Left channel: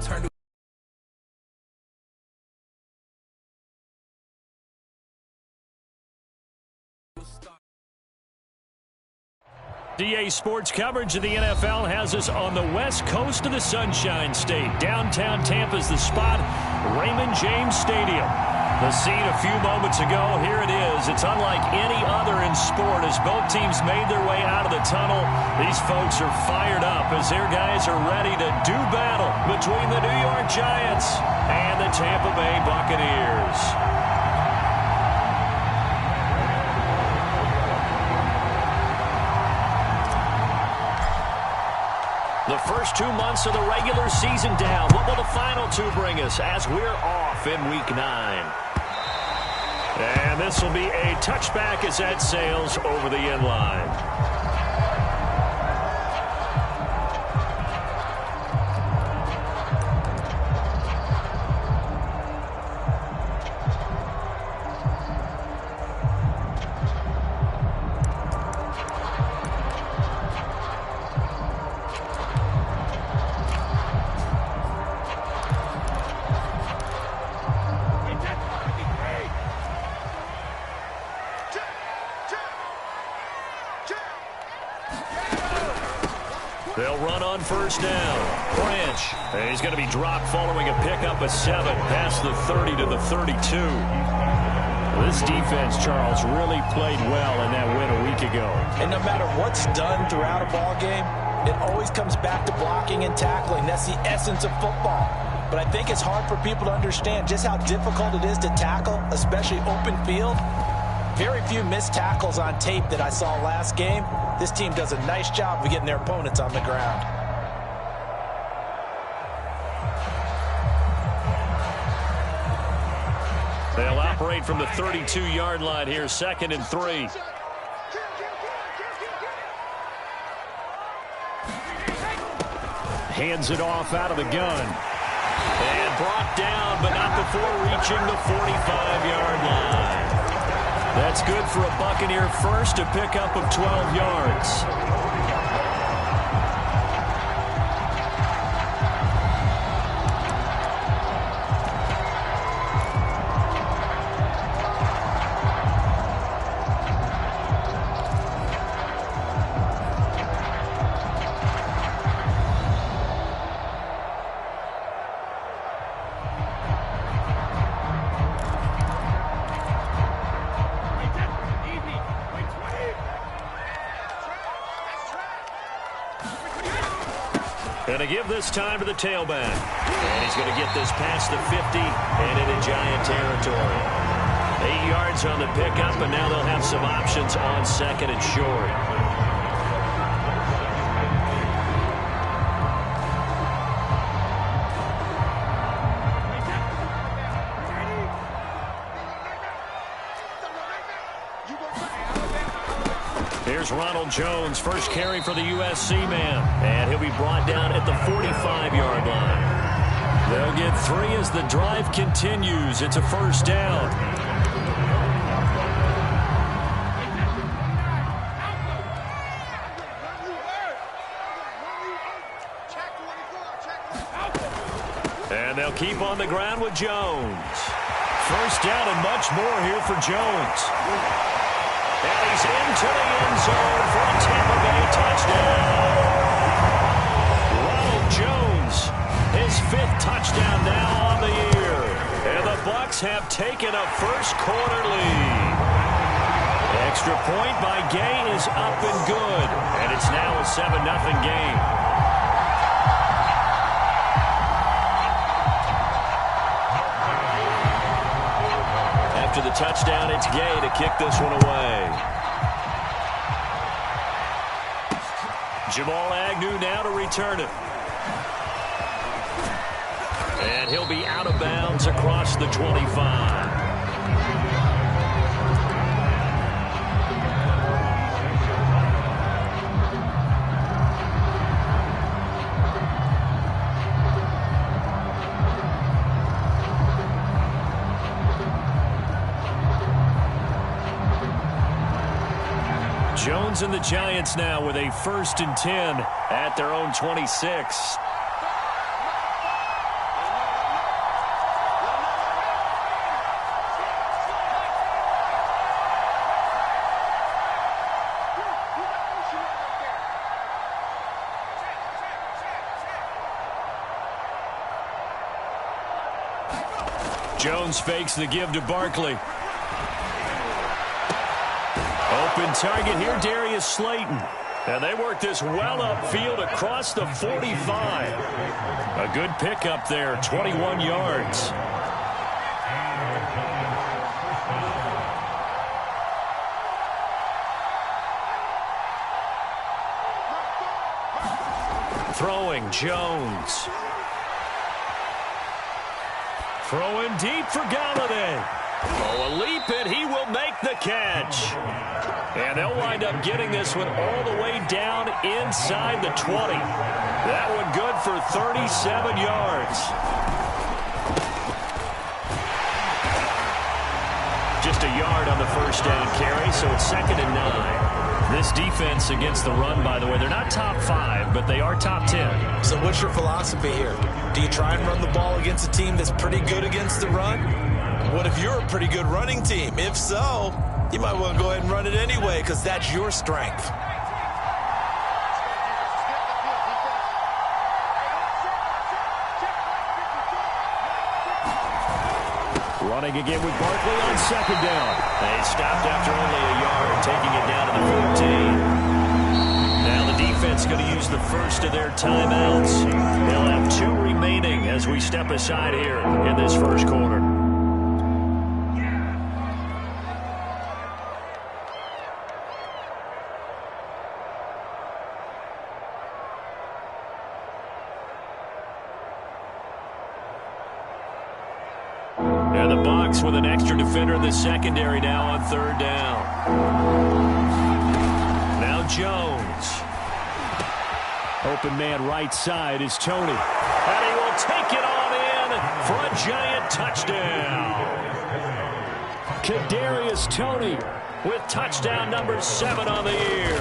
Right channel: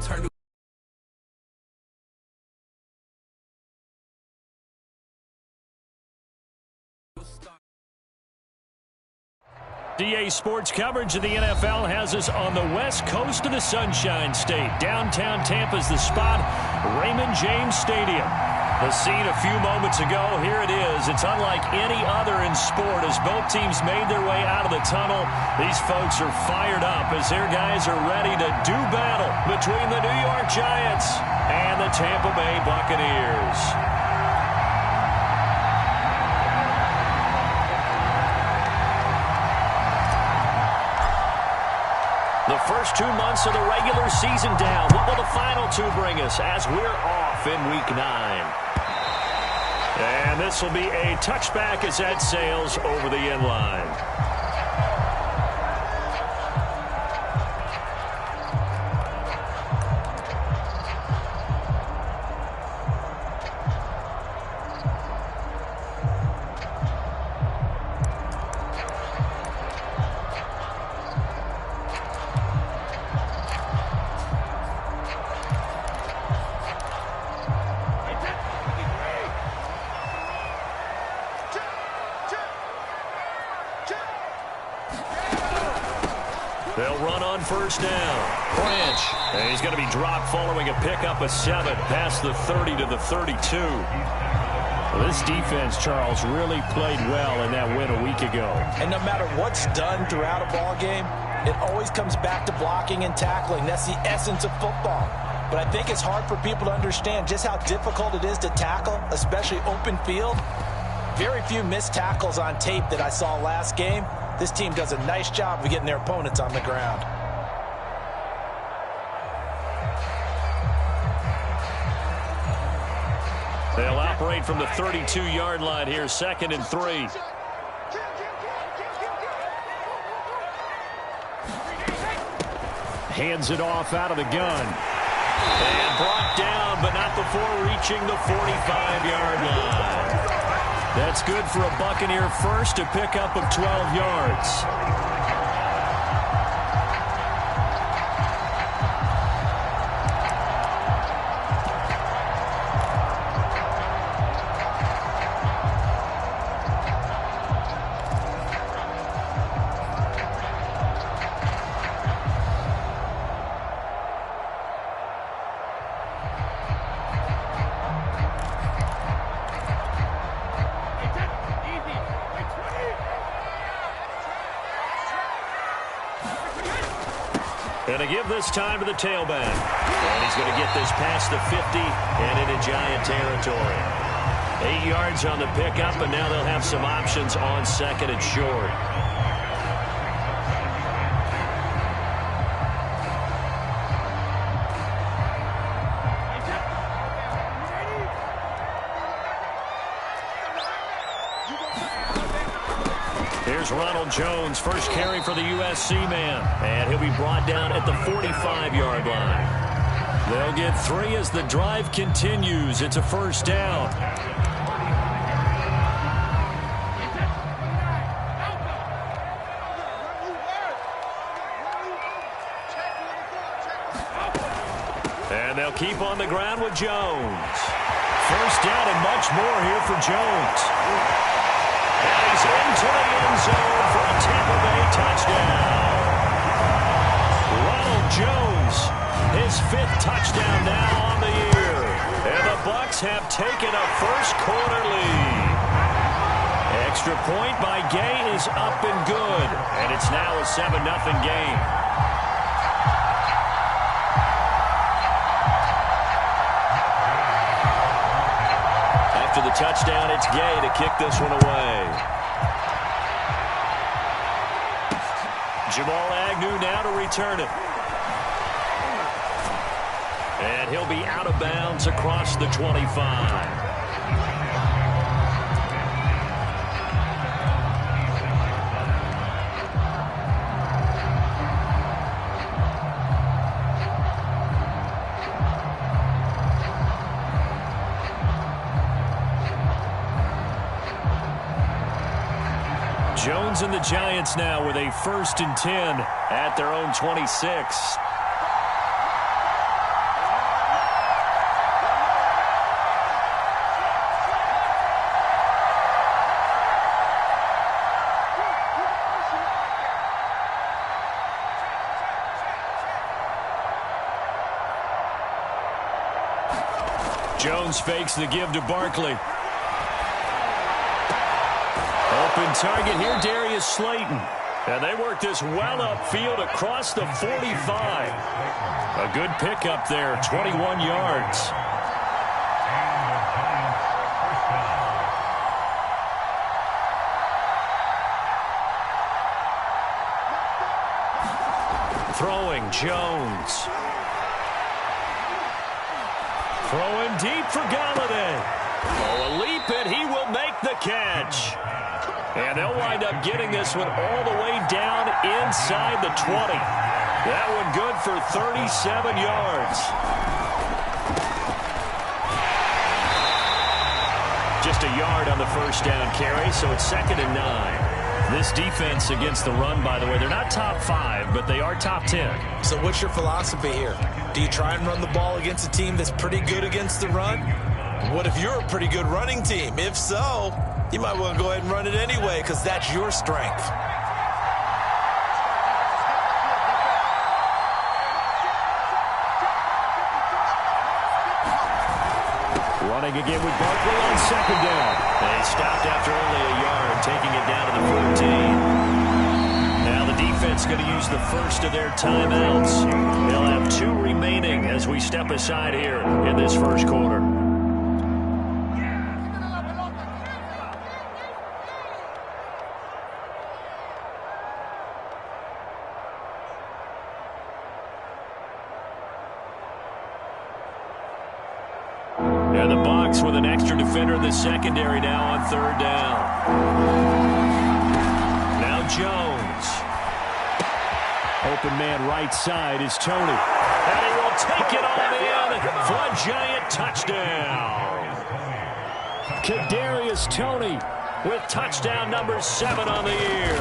turned to DA Sports coverage of the NFL has us on the west coast of the Sunshine State. Downtown Tampa's the spot, Raymond James Stadium. The scene a few moments ago, here it is. It's unlike any other in sport as both teams made their way out of the tunnel. These folks are fired up as their guys are ready to do battle between the New York Giants and the Tampa Bay Buccaneers. The first 2 months of the regular season down. What will the final two bring us as we're off in Week 9? And this will be a touchback as that sails over the end line. They'll run on first down. Branch. And he's going to be dropped following a pickup of 7 past the 30 to the 32. This defense, Charles, really played well in that win a week ago. And no matter what's done throughout a ball game, it always comes back to blocking and tackling. That's the essence of football. But I think it's hard for people to understand just how difficult it is to tackle, especially open field. Very few missed tackles on tape that I saw last game. This team does a nice job of getting their opponents on the ground. They'll operate from the 32-yard line here, 2nd and 3. Hands it off out of the gun. And brought down, but not before reaching the 45-yard line. That's good for a Buccaneer first, a pickup of 12 yards. Going to give this time to the tailback. And he's going to get this past the 50 and into Giant territory. 8 yards on the pickup, and now they'll have some options on 2nd and short. Here's Ronald Jones, first carry for the USC man. And he'll be brought down at the 45-yard line. They'll get 3 as the drive continues. It's a first down. And they'll keep on the ground with Jones. First down and much more here for Jones. And he's into the end zone for a Tampa Bay touchdown. Ronald Jones, his 5th touchdown now on the year. And the Bucs have taken a first-quarter lead. Extra point by Gay is up and good. And it's now a 7-0 game. After the touchdown, it's Gay to kick this one away. Jamal Agnew now to return it. And he'll be out of bounds across the 25. Jones and the Giants now with a 1st and 10 at their own 26. Jones fakes the give to Barkley. Open target here, Darius Slayton. And they work this well upfield across the 45. A good pickup there, 21 yards. Throwing Jones. Throwing deep for Galladay. Oh, a leap, and he will make the catch. And they'll wind up getting this one all the way down inside the 20. That one good for 37 yards. Just a yard on the first down carry, so it's 2nd and 9. This defense against the run, by the way, they're not top 5, but they are top 10. So what's your philosophy here? Do you try and run the ball against a team that's pretty good against the run? What if you're a pretty good running team? If so, you might want to go ahead and run it anyway because that's your strength. Running again with Barkley on 2nd down. They stopped after only a yard, taking it down to the 14. Now the defense going to use the first of their timeouts. They'll have 2 remaining as we step aside here in this first quarter. And the Bucs with an extra defender in the secondary now on 3rd down. Now Jones. Open man right side is Tony. And he will take it on in for a giant touchdown. Kadarius Toney with touchdown number 7 on the year.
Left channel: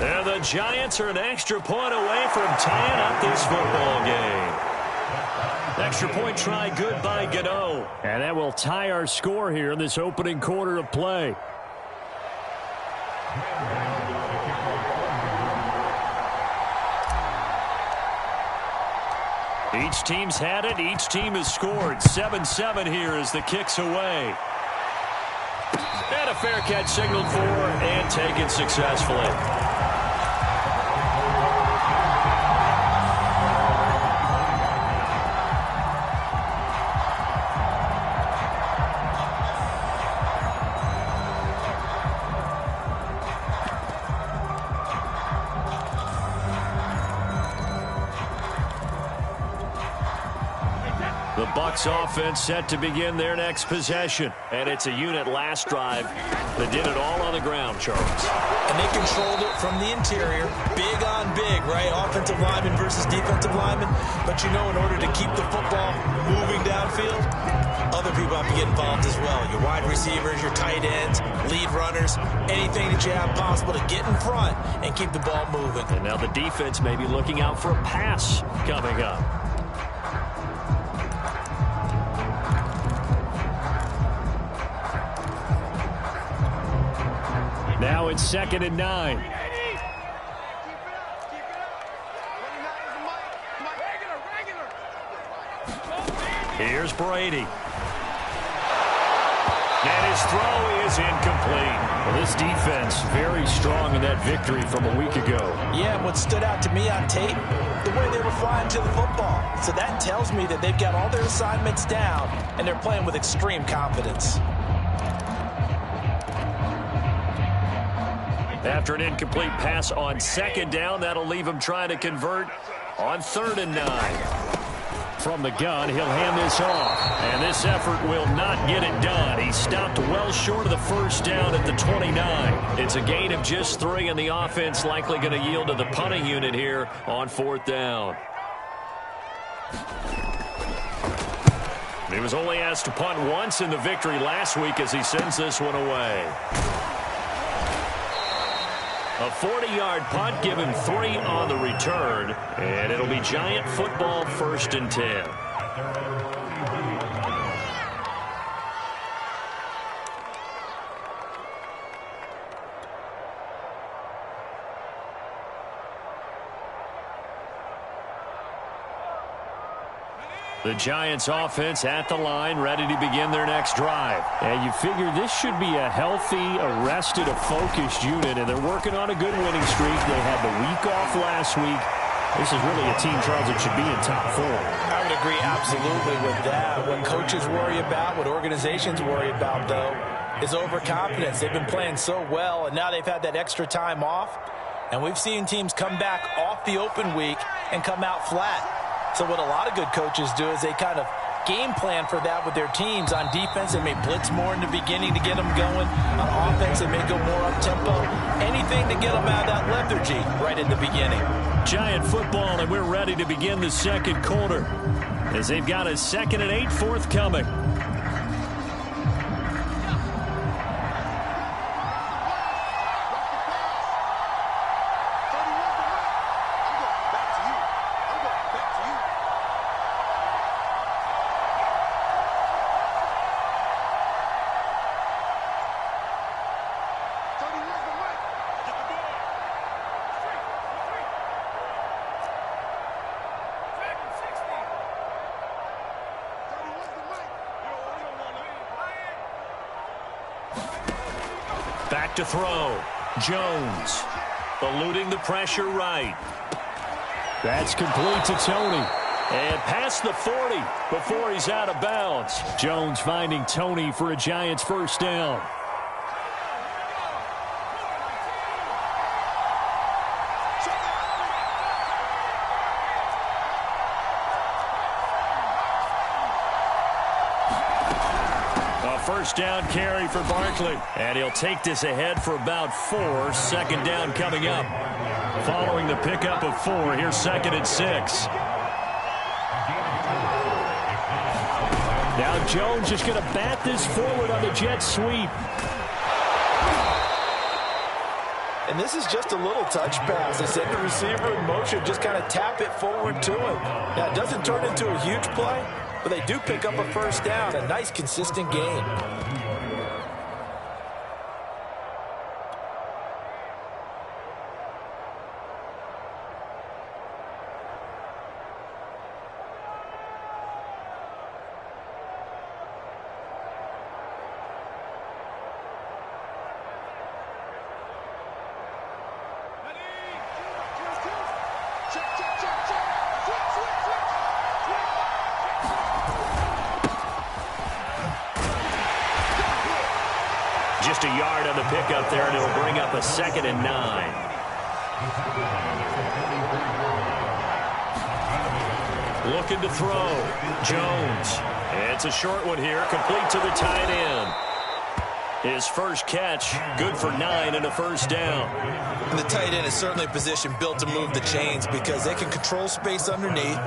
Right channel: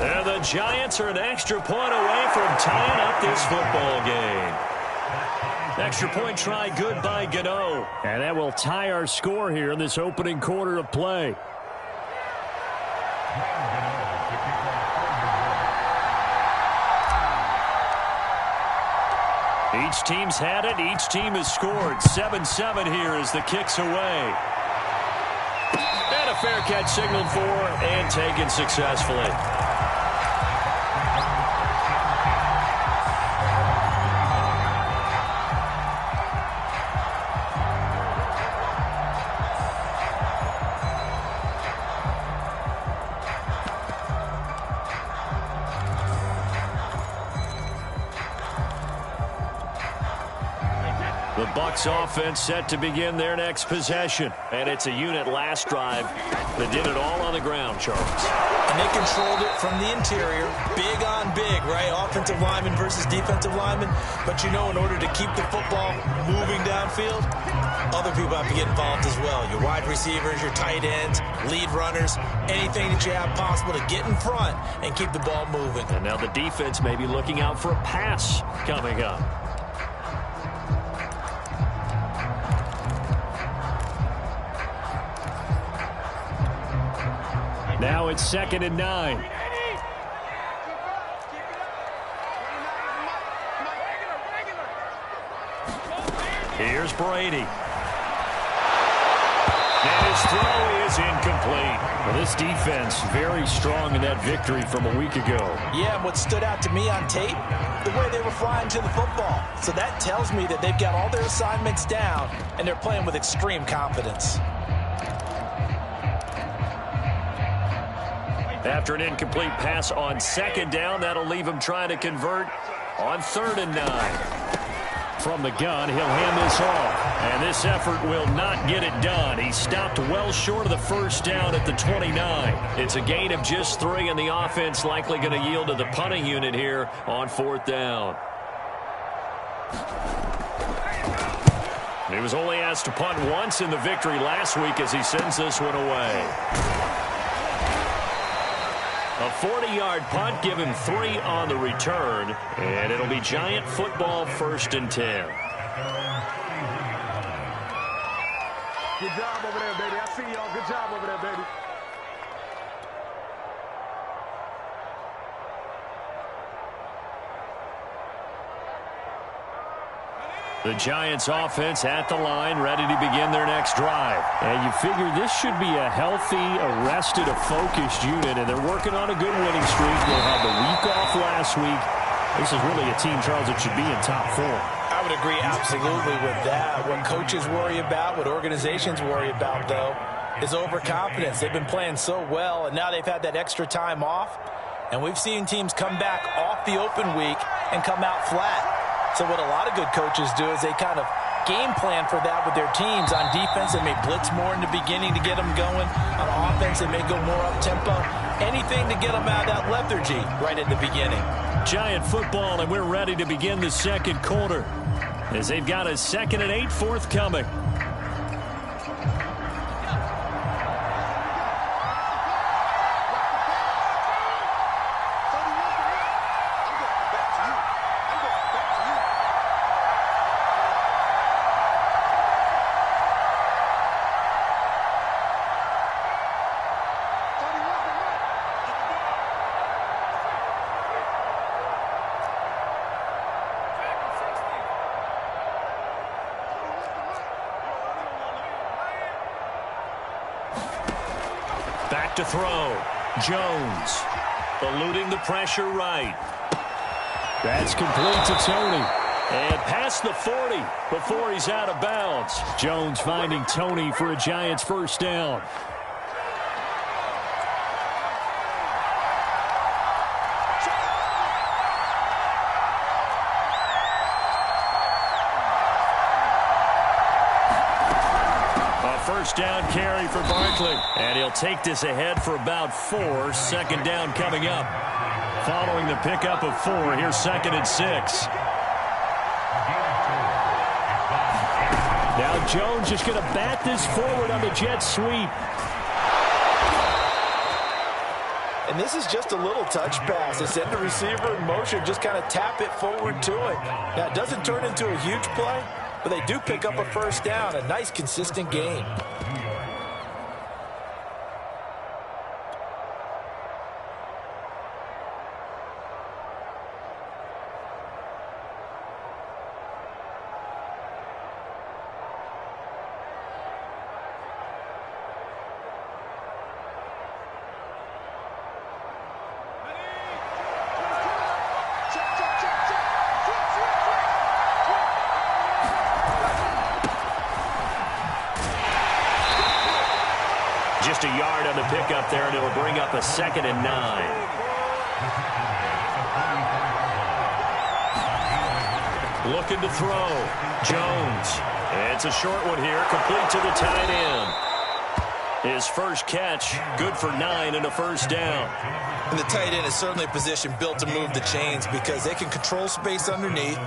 And the Giants are an extra point away from tying up this football game. Extra point try good by Gano. And that will tie our score here in this opening quarter of play. Each team's had it. Each team has scored. 7-7 here as the kick's away. And a fair catch signaled for and taken successfully. The Bucs offense set to begin their next possession. And it's a unit last drive that did it all on the ground, Charles. And they controlled it from the interior. Big on big, right? Offensive lineman versus defensive lineman. But you know, in order to keep the football moving downfield, other people have to get involved as well. Your wide receivers, your tight ends, lead runners, anything that you have possible to get in front and keep the ball moving. And now the defense may be looking out for a pass coming up. Now it's 2nd and 9. Here's Brady. And his throw is incomplete. Well, this defense very strong in that victory from a week ago. Yeah, and what stood out to me on tape, the way they were flying to the football. So that tells me that they've got all their assignments down, and they're playing with extreme confidence. After an incomplete pass on 2nd down, that'll leave him trying to convert on 3rd and 9. From the gun, he'll hand this off. And this effort will not get it done. He stopped well short of the first down at the 29. It's a gain of just 3, and the offense likely going to yield to the punting unit here on 4th down. He was only asked to punt once in the victory last week as he sends this one away. A 40-yard punt, give him 3 on the return, and it'll be Giant football 1st and 10. Good job over there, baby. I see y'all. Good job over there, baby. The Giants offense at the line, ready to begin their next drive. And you figure this should be a healthy, arrested, a focused unit, and they're working on a good winning streak. They had the week off last week. This is really a team, Charles, that should be in top 4. I would agree absolutely with that. What coaches worry about, what organizations worry about, though, is overconfidence. They've been playing so well, and now they've had that extra time off. And we've seen teams come back off the open week and come out flat. So what a lot of good coaches do is they kind of game plan for that with their teams. On defense, they may blitz more in the beginning to get them going. On offense, they may go more up-tempo. Anything to get them out of that lethargy right in the beginning. Giant football, and we're ready to begin the second quarter as they've got a 2nd and 8 forthcoming. Back to throw. Jones eluding the pressure right. That's complete to Tony. And past the 40 before he's out of bounds. Jones finding Tony for a Giants first down. First down carry for Barkley. And he'll take this ahead for about 4. Second down coming up. Following the pickup of 4, here's 2nd and 6. Now Jones just going to bat this forward on the jet sweep. And this is just a little touch pass. They send the receiver in motion, just kind of tap it forward to it. Now, it doesn't turn into a huge play, but they do pick up a first down. A nice, consistent gain. Just a yard on the pickup there, and it'll bring up a 2nd and 9. Looking to throw. Jones. It's a short one here, complete to the tight end. His first catch, good for 9 and a first down. And the tight end is certainly a position built to move the chains because they can control space underneath.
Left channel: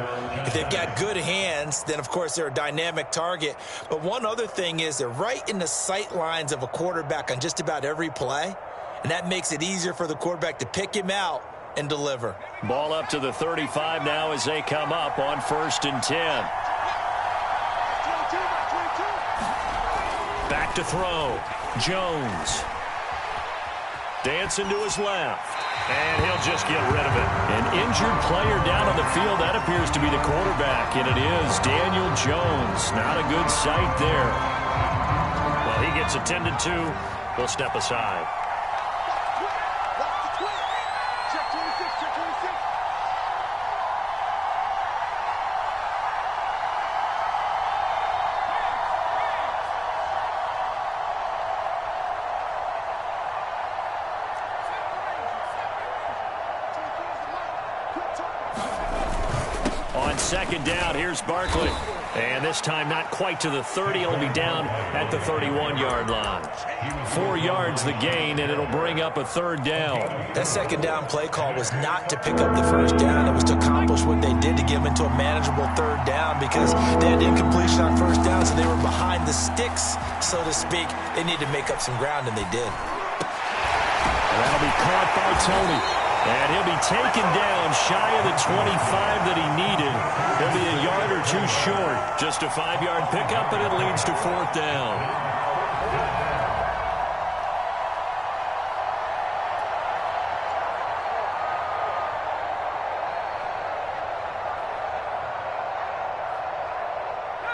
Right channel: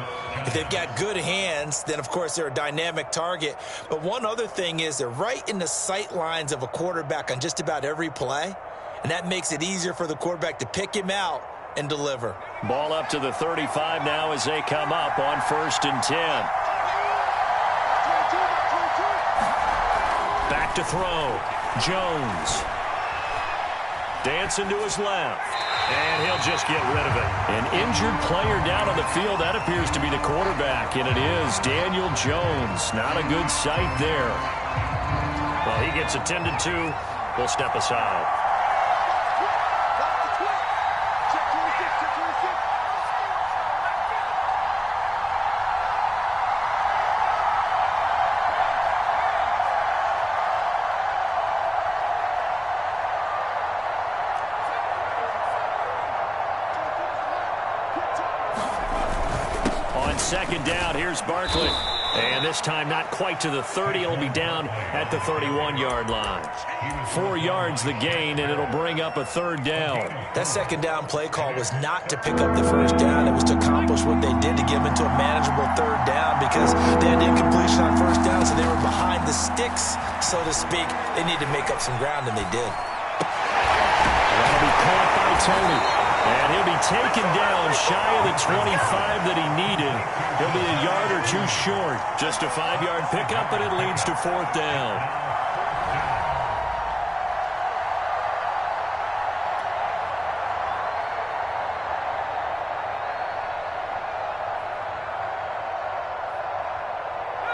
If they've got good hands, then, of course, they're a dynamic target. But one other thing is they're right in the sight lines of a quarterback on just about every play, and that makes it easier for the quarterback to pick him out and deliver. Ball up to the 35 now as they come up on 1st and 10. Back to throw. Jones. Dancing to his left. And he'll just get rid of it. An injured player down on the field. That appears to be the quarterback, and it is Daniel Jones. Not a good sight there. Well, he gets attended to. We'll step aside. On 2nd down, here's Barkley. And this time not quite to the 30. He'll be down at the 31-yard line. 4 yards the gain, and it'll bring up a 3rd down. That 2nd down play call was not to pick up the first down. It was to accomplish what they did to get them into a manageable 3rd down because they had incompletion on first down, so they were behind the sticks, so to speak. They needed to make up some ground, and they did. And that'll be caught by Tony. And he'll be taken down shy of the 25 that he needed. He'll be a yard or 2 short. Just a 5-yard pickup, but it leads to 4th down.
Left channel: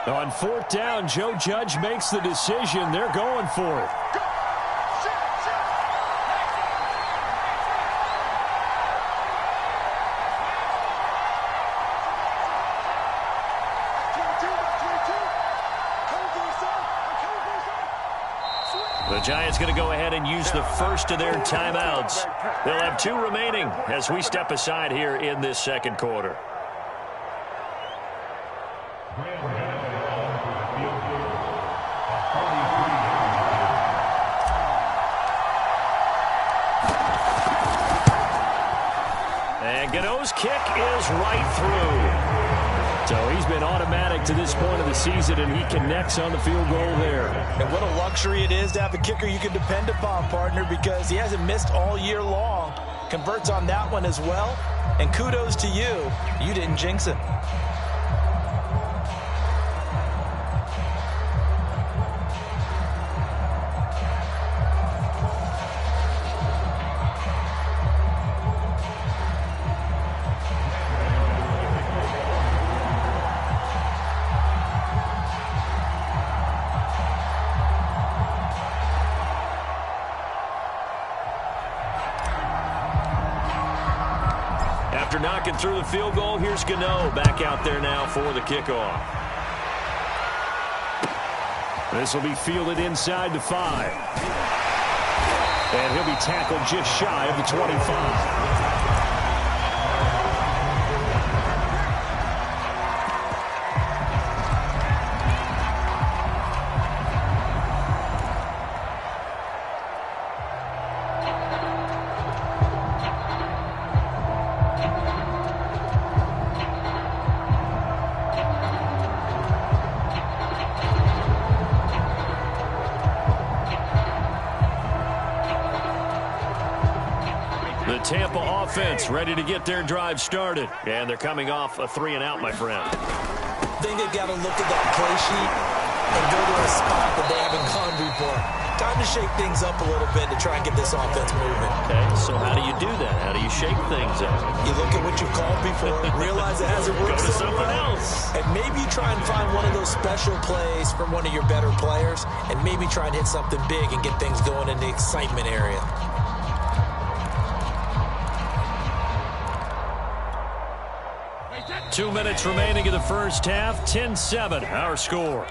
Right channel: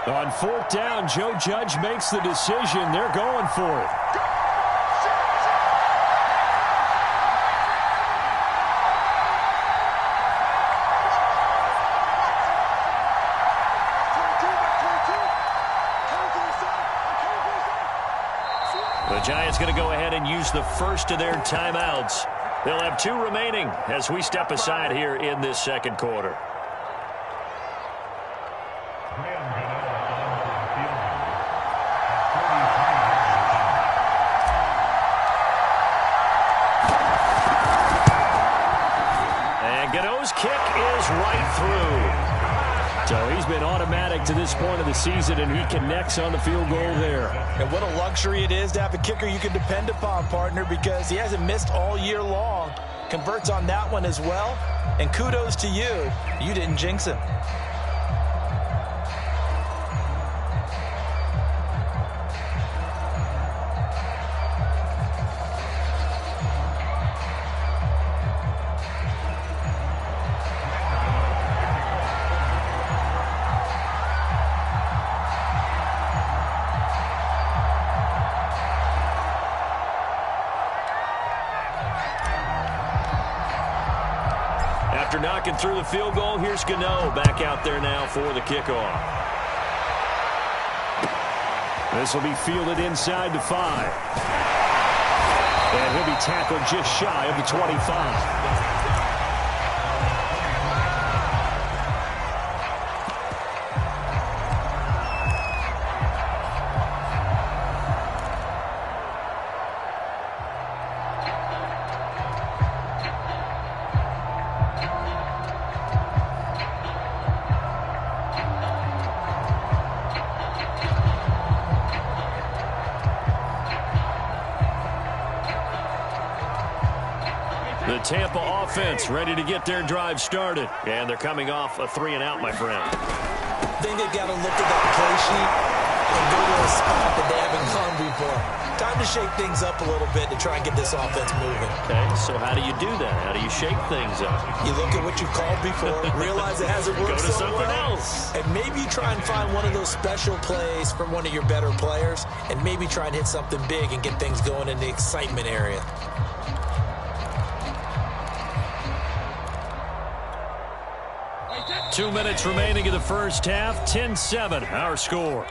On fourth down, Joe Judge makes the decision. They're going for it. The Giants going to go ahead and use the first of their timeouts. They'll have 2 remaining as we step aside here in this second quarter. And Gano's kick is right through. So he's been automatic to this point of the season, and he connects on the field goal there. And what a luxury it is to have a kicker you can depend upon, partner, because he hasn't missed all year long. Converts on that one as well. And kudos to you. You didn't jinx him. After knocking through the field goal, here's Gano back out there now for the kickoff. This will be fielded inside the 5. And he'll be tackled just shy of the 25. The Tampa offense ready to get their drive started. And they're coming off a 3-and-out, my friend. I think they've got to look at that play sheet and go to a spot that they haven't gone before. Time to shake things up a little bit to try and get this offense moving. Okay, so how do you do that? How do you shake things up? You look at what you've called before, realize it hasn't worked so so something well, else. and maybe you try and find one of those special plays from one of your better players, and maybe try and hit something big and get things going in the excitement area. Two minutes remaining in the first half. 10-7, our score.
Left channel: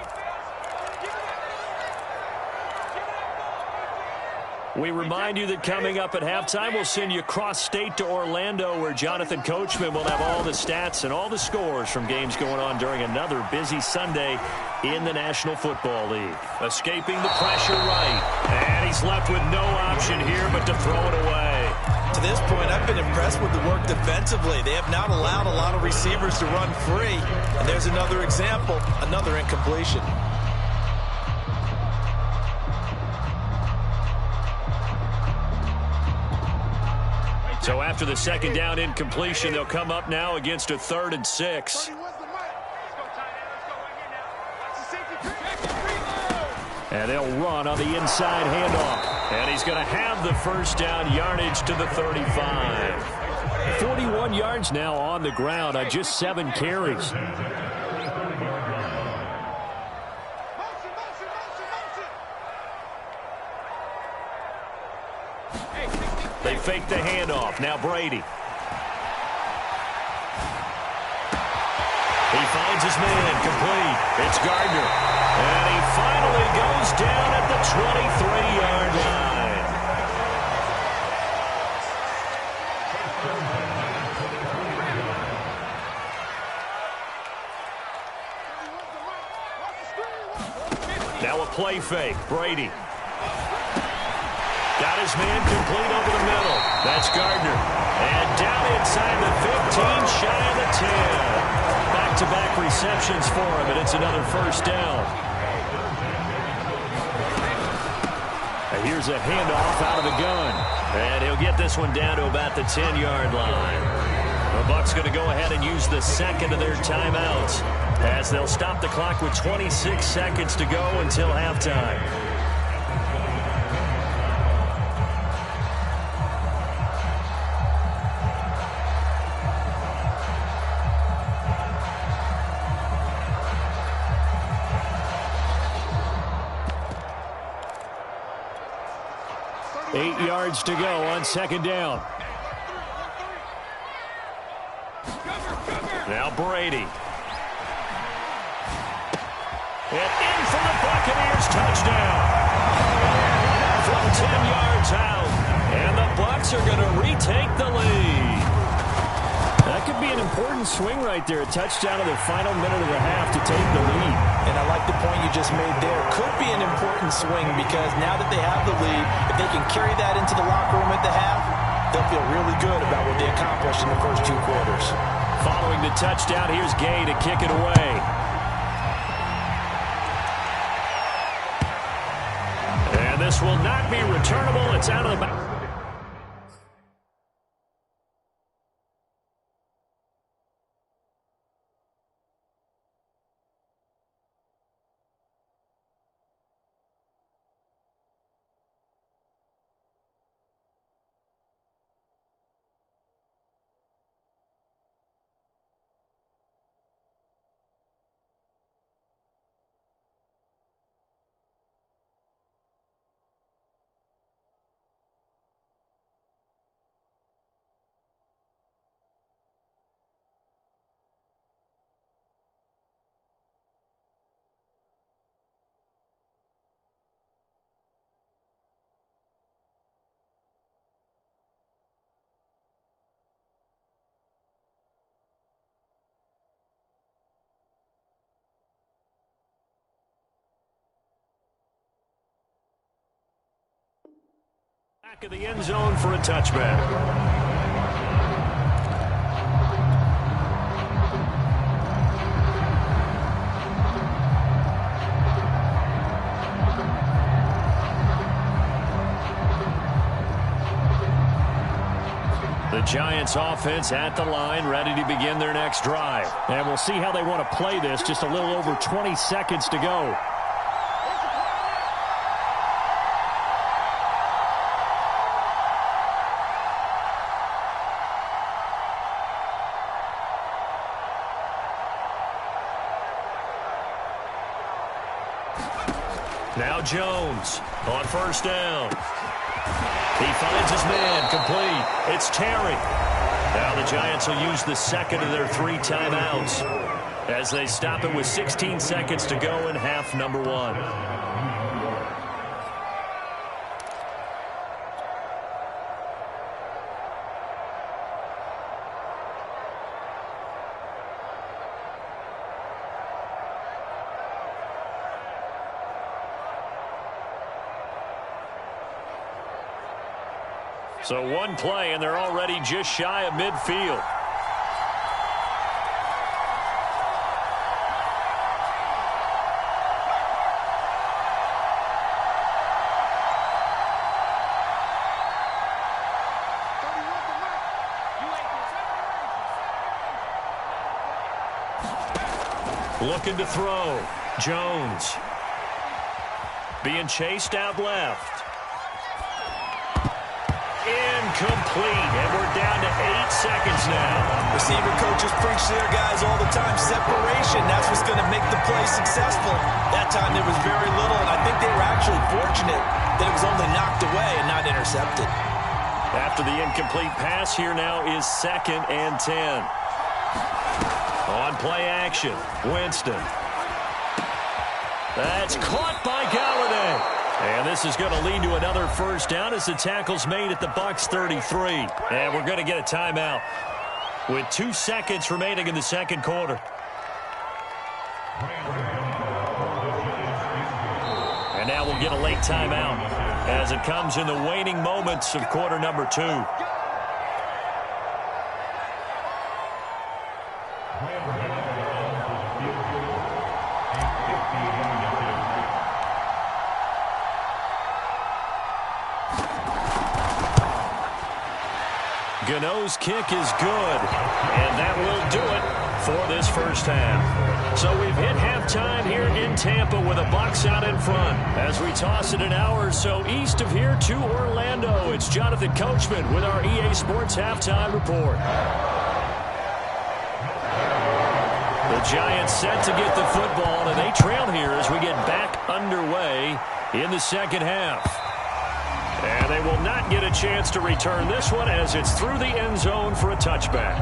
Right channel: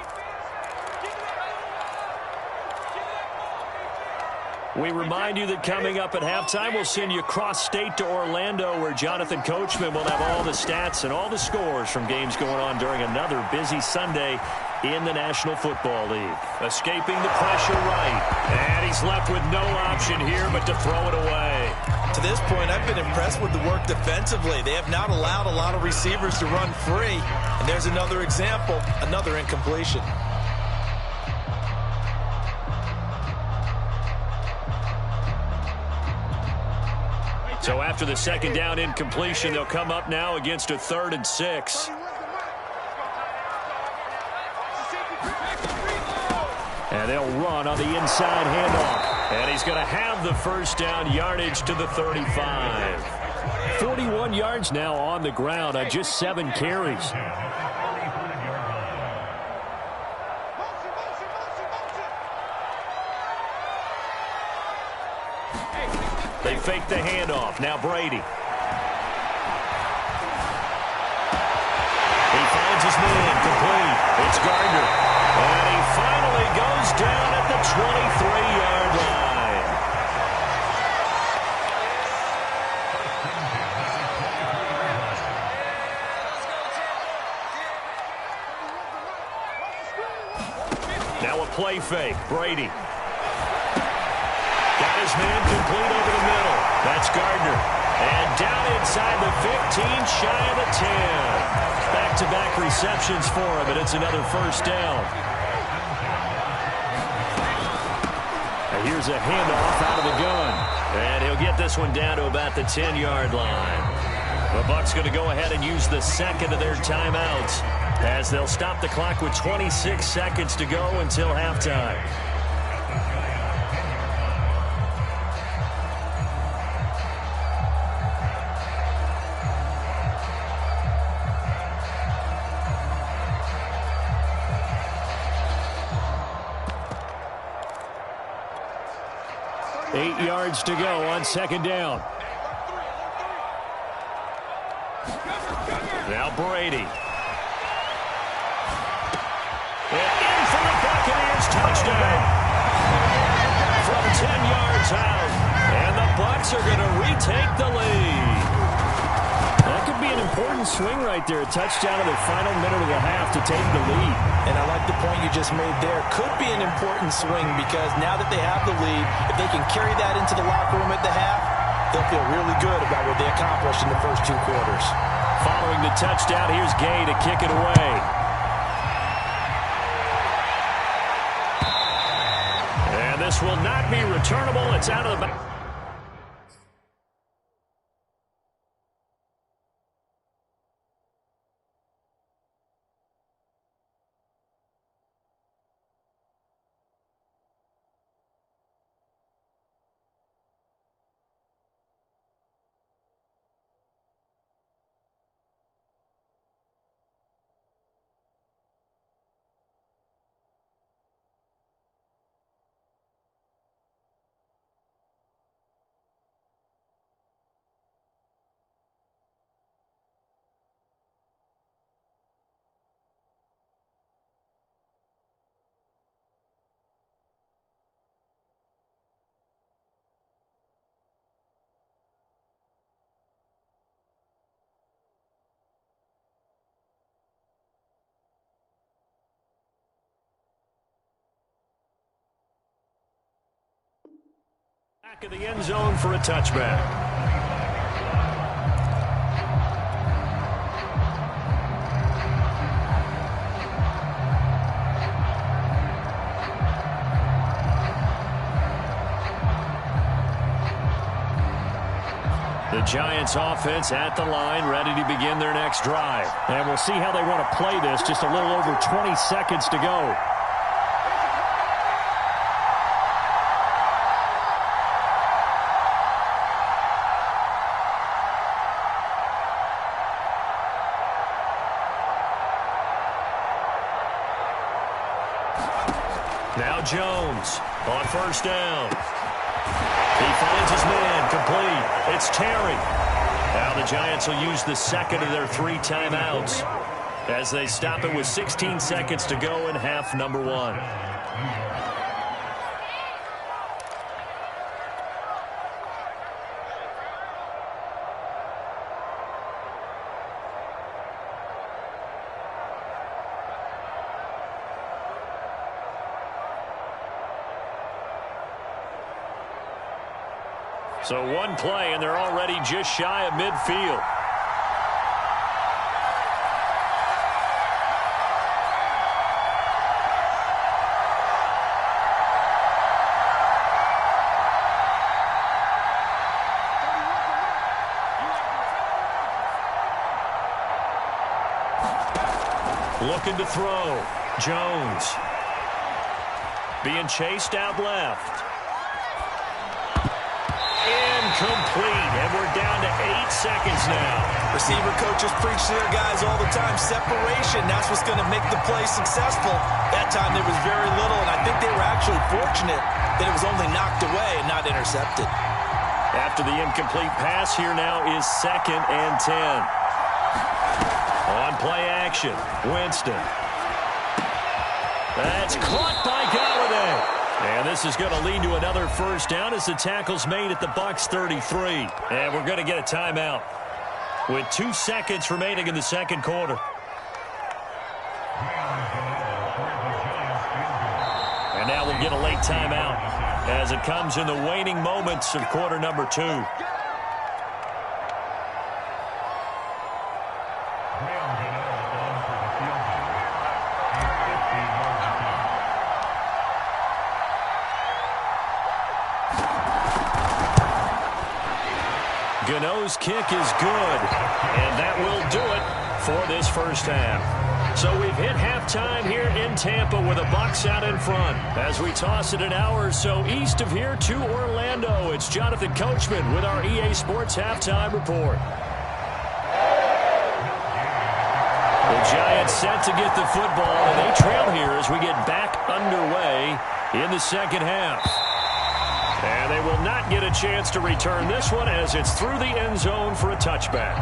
We remind you that coming up at halftime, we'll send you cross-state to Orlando, where Jonathan Coachman will have all the stats and all the scores from games going on during another busy Sunday in the National Football League. Escaping the pressure right. And he's left with no option here but to throw it away. To this point, I've been impressed with the work defensively. They have not allowed a lot of receivers to run free. And there's another example, another incompletion. So after the second down incompletion, they'll come up now against a 3rd and 6. And they'll run on the inside handoff. And he's going to have the first down yardage to the 35. 41 yards now on the ground on just 7 carries. They fake the handoff. Now Brady. He finds his man complete. It's Gardner. And he finally goes down at the 23-yard line. Now a play fake. Brady. Got his man complete over the middle. That's Gardner. And down inside the 15, shy of the 10. Back-to-back receptions for him, and it's another first down. And here's a handoff out of the gun. And he'll get this one down to about the 10-yard line. The Bucs going to go ahead and use the second of their timeouts as they'll stop the clock with 26 seconds to go until halftime. 8 yards to go on second down. Now Brady. And in for the Buccaneers touchdown. From 10 yards out. And the Bucs are going to retake the lead. That could be an important swing right there. A touchdown in the final minute of the half to take the lead. And I like the point you just made there. Could be an important swing because now that they have the lead, if they can carry that into the locker room at the half, they'll feel really good about what they accomplished in the first 2 quarters. Following the touchdown, here's Gay to kick it away. And this will not be returnable. It's out of the back. Back of the end zone for a touchback. The Giants offense at the line, ready to begin their next drive. And we'll see how they want to play this. Just a little over 20 seconds to go. Now Jones on first down. He finds his man, complete. It's Terry. Now the Giants will use the second of their 3 timeouts as they stop it with 16 seconds to go in half number 1. So 1 play, and they're already just shy of midfield. Looking to throw. Jones. Being chased out left. Incomplete, and we're down to 8 seconds now. Receiver coaches preach to their guys all the time. Separation, that's what's going to make the play successful. That time there was very little, and I think they were actually fortunate that it was only knocked away and not intercepted. After the incomplete pass, here now is 2nd and 10. On play action, Winston. That's caught by Galladay. And this is going to lead to another first down as the tackle's made at the Bucs 33. And we're going to get a timeout with 2 seconds remaining in the second quarter. And now we'll get a late timeout as it comes in the waning moments of quarter number 2. Gano's kick is good, and that will do it for this first half. So we've hit halftime here in Tampa with the Bucs out in front. As we toss it an hour or so east of here to Orlando, it's Jonathan Coachman with our EA Sports Halftime Report. The Giants set to get the football, and they trail here as we get back underway in the second half. And they will not get a chance to return this one as it's through the end zone for a touchback.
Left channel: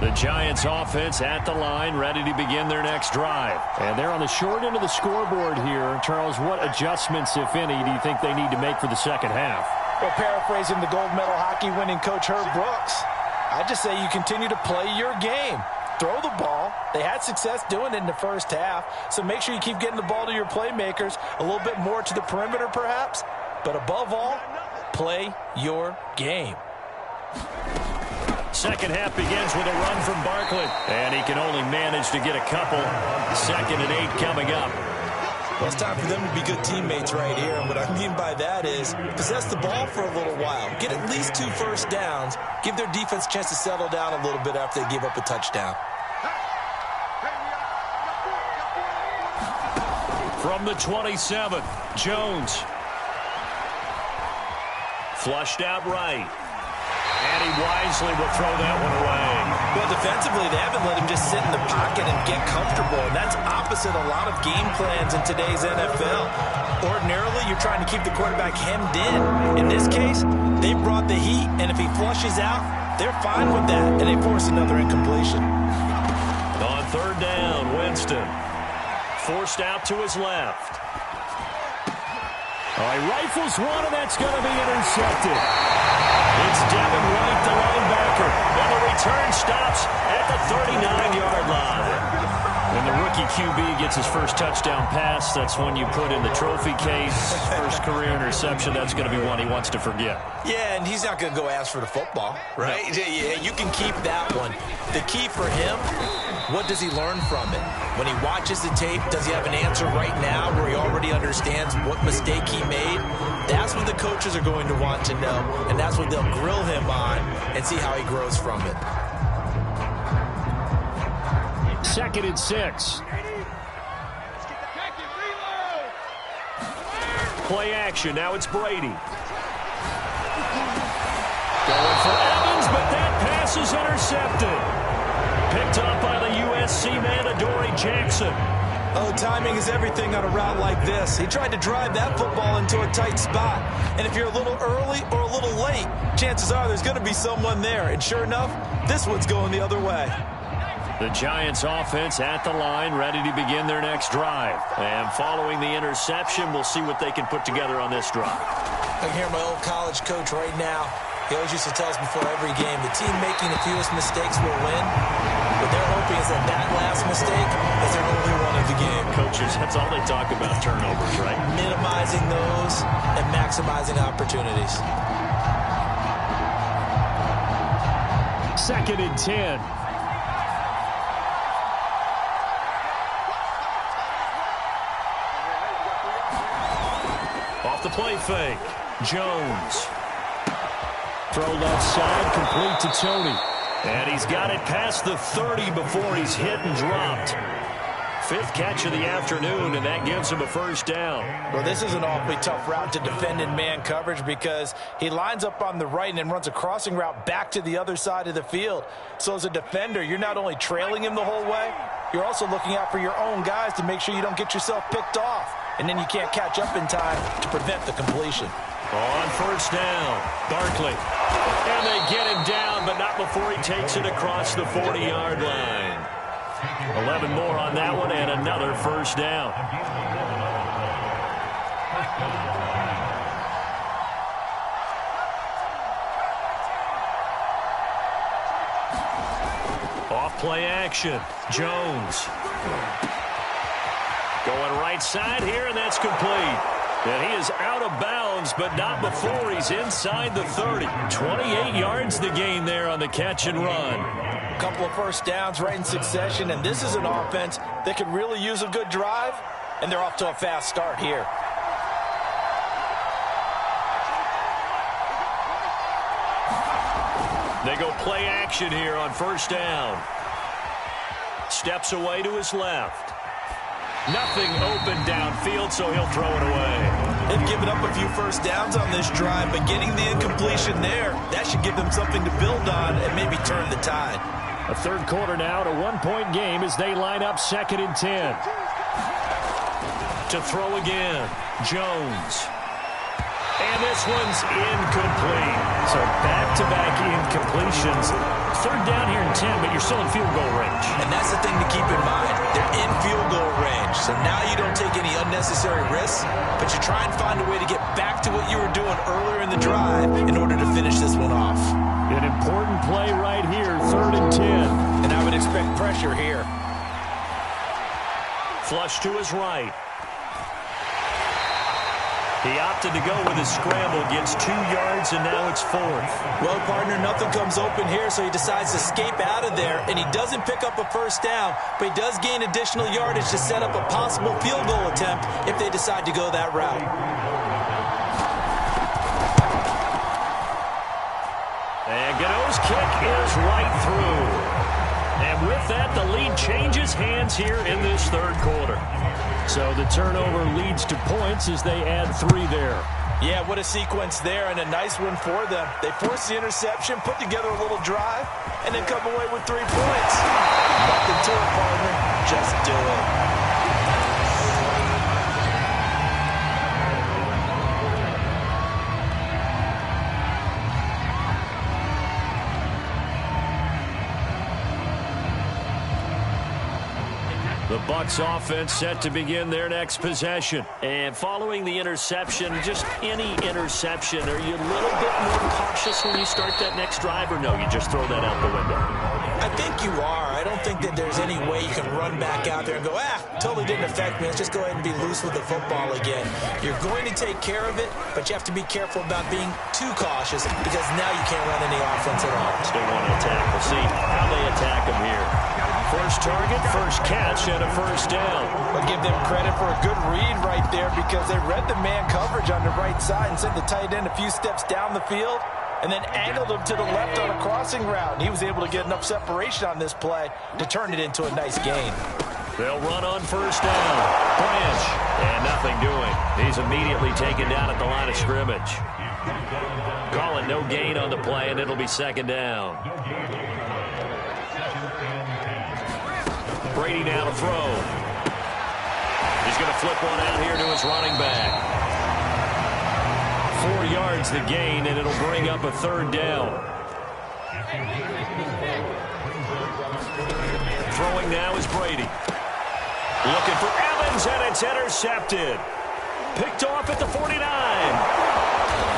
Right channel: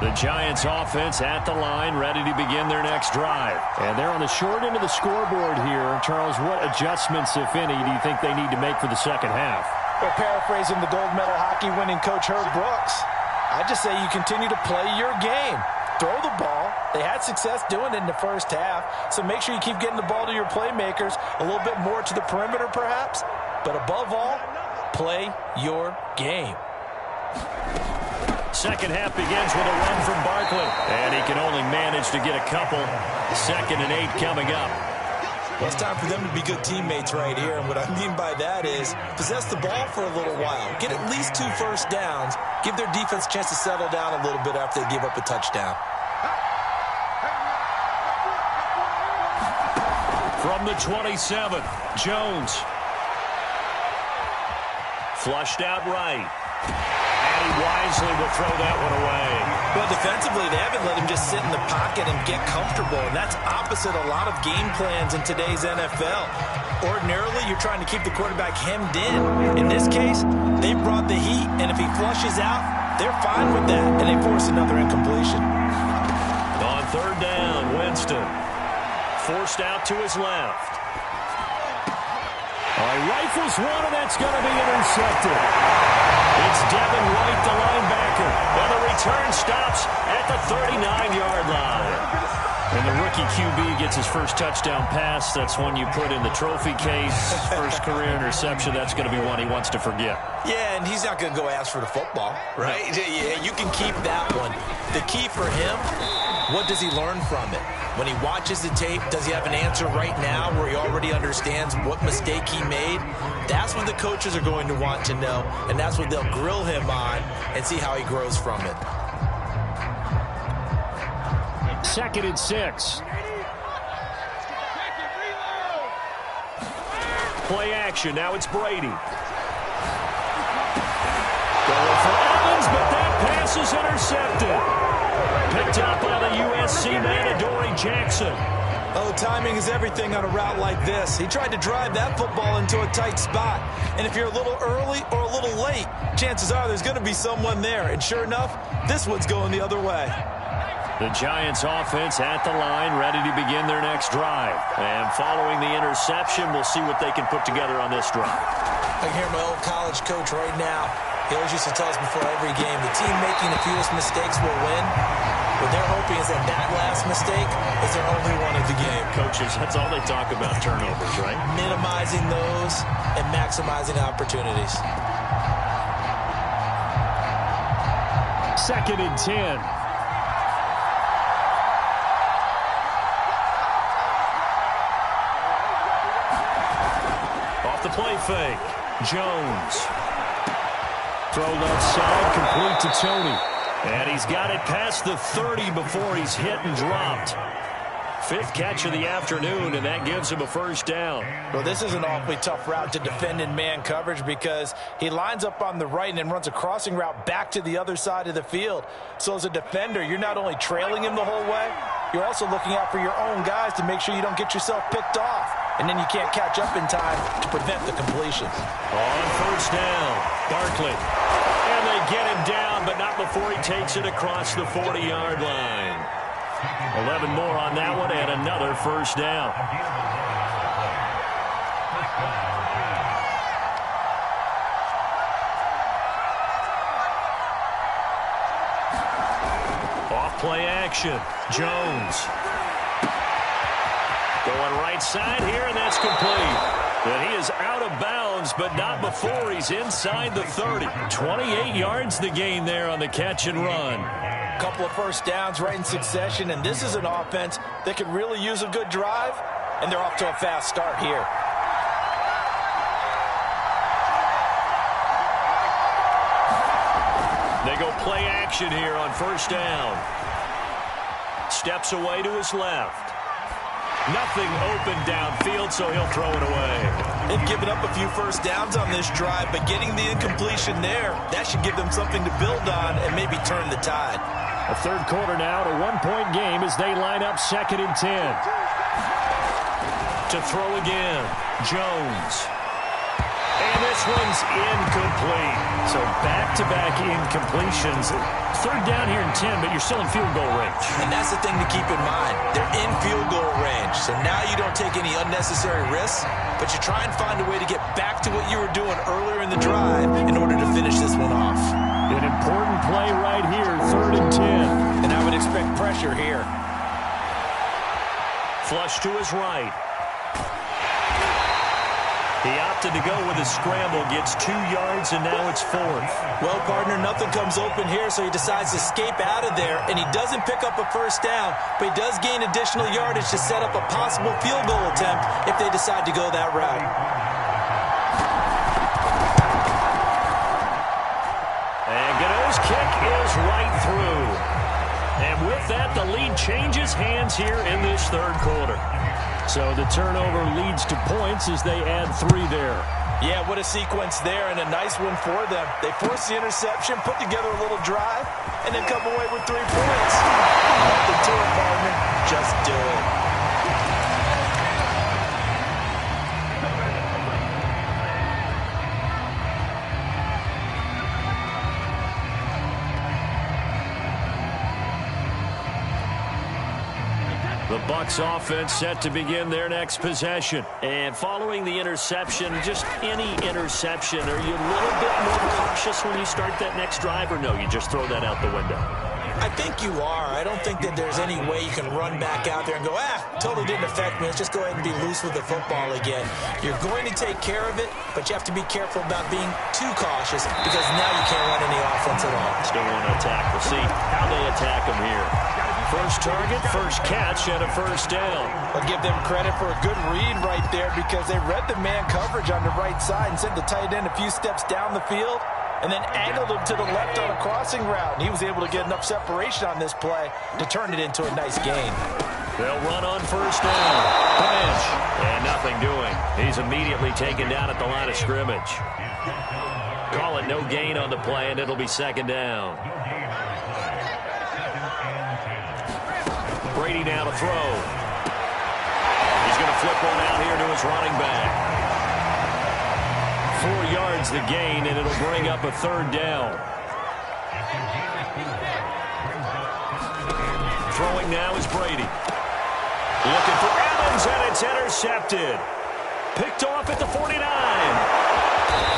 The Giants offense at the line, ready to begin their next drive. And they're on the short end of the scoreboard here. Charles, what adjustments, if any, do you think they need to make for the second half? Well, paraphrasing the gold medal hockey winning coach Herb Brooks, I just say you continue to play your game. Throw the ball. They had success doing it in the first half, so make sure you keep getting the ball to your playmakers, a little bit more to the perimeter perhaps, but above all, play your game. Second half begins with a run from Barkley, and he can only manage to get a couple. 2nd and 8 coming up. Well, it's time for them to be good teammates right here, and what I mean by that is possess the ball for a little while, get at least 2 first downs, give their defense a chance to settle down a little bit after they give up a touchdown. From the 27, Jones. Flushed out right. And he wisely will throw that one away. Well, defensively, they haven't let him just sit in the pocket and get comfortable, and that's opposite a lot of game plans in today's NFL. Ordinarily, you're trying to keep the quarterback hemmed in. In this case, they brought the heat, and if he flushes out, they're fine with that, and they force another incompletion. On 3rd down, Winston. Forced out to his left. All right, rifles one, and that's going to be intercepted. It's Devin White, the linebacker. And the return stops at the 39-yard line. And the rookie QB gets his first touchdown pass. That's one you put in the trophy case. First career interception, that's going to be one he wants to forget. Yeah, and he's not going to go ask for the football, right? Yeah, you can keep that one. The key for him, what does he learn from it? When he watches the tape, does he have an answer right now where he already understands what mistake he made? That's what the coaches are going to want to know, and that's what they'll grill him on and see how he grows from it. 2nd and 6. Play action. Now it's Brady. Going for Evans, but that pass is intercepted. Picked up by the USC man, Adoree Jackson. Oh, timing is everything on a route like this. He tried to drive that football into a tight spot. And if you're a little early or a little late, chances are there's going to be someone there. And sure enough, this one's going the other way. The Giants offense at the line, ready to begin their next drive. And following the interception, we'll see what they can put together on this drive. I can hear my old college coach right now. He always used to tell us before every game, the team making the fewest mistakes will win. What they're hoping is that that last mistake is their only one of the game. Coaches, that's all they talk about, turnovers, right? Minimizing those and maximizing opportunities. 2nd and 10. Off the play fake, Jones. Throw left side, complete to Tony. And he's got it past the 30 before he's hit and dropped. 5th catch of the afternoon, and that gives him a first down. Well, this is an awfully tough route to defend in man coverage because he lines up on the right and then runs a crossing route back to the other side of the field. So as a defender, you're not only trailing him the whole way, you're also looking out for your own guys to make sure you don't get yourself picked off. And then you can't catch up in time to prevent the completion. On 1st down, Barkley. And they get him down, but not before he takes it across the 40-yard line. 11 more on that one, and another first down. Off play action, Jones. Going right side here, and that's complete. And he is out of bounds, but not before he's inside the 30. 28 yards the gain there on the catch and run. A couple of first downs right in succession, and this is an offense that could really use a good drive, and they're off to a fast start here. They go play action here on 1st down. Steps away to his left. Nothing open downfield, so he'll throw it away. They've given up a few first downs on this drive, but getting the incompletion there, that should give them something to build on and maybe turn the tide. A third quarter now, a one-point game as they line up 2nd and 10. To throw again, Jones. And this one's incomplete. So back-to-back incompletions. Third down here in 10, but you're still in field goal range. And that's the thing to keep in mind. They're in field goal range. So now you don't take any unnecessary risks, but you try and find a way to get back to what you were doing earlier in the drive in order to finish this one off. An important play right here, 3rd and 10. And I would expect pressure here. Flush to his right. He opted to go with a scramble, gets 2 yards, and now it's 4th. Well, partner, nothing comes open here, so he decides to escape out of there, and he doesn't pick up a first down, but he does gain additional yardage to set up a possible field goal attempt if they decide to go that route. And Gano's kick is right through. And with that, the lead changes hands here in this third quarter. So the turnover leads to points as they add 3 there. Yeah, what a sequence there, and a nice one for them. They force the interception, put together a little drive, and then come away with 3 points. Nothing to it, partner. Just do it. The Bucs offense set to begin their next possession. And following the interception, just any interception, are you a little bit more cautious when you start that next drive, or no, you just throw that out the window? I think you are. I don't think that there's any way you can run back out there and go, totally didn't affect me. Let's just go ahead and be loose with the football again. You're going to take care of it, but you have to be careful about being too cautious because now you can't run any offense at all. Still want to attack. We'll see how they attack them here. First target, first catch, and a first down. But give them credit for a good read right there because they read the man coverage on the right side and sent the tight end a few steps down the field and then angled him to the left on a crossing route. And he was able to get enough separation on this play to turn it into a nice gain. They'll run on first down. Branch. And nothing doing. He's immediately taken down at the line of scrimmage. Call it no gain on the play, and it'll be 2nd down. Brady now to throw. He's going to flip one out here to his running back. 4 yards the gain, and it'll bring up a 3rd down. Throwing now is Brady. Looking for Evans, and it's intercepted. Picked off at the 49.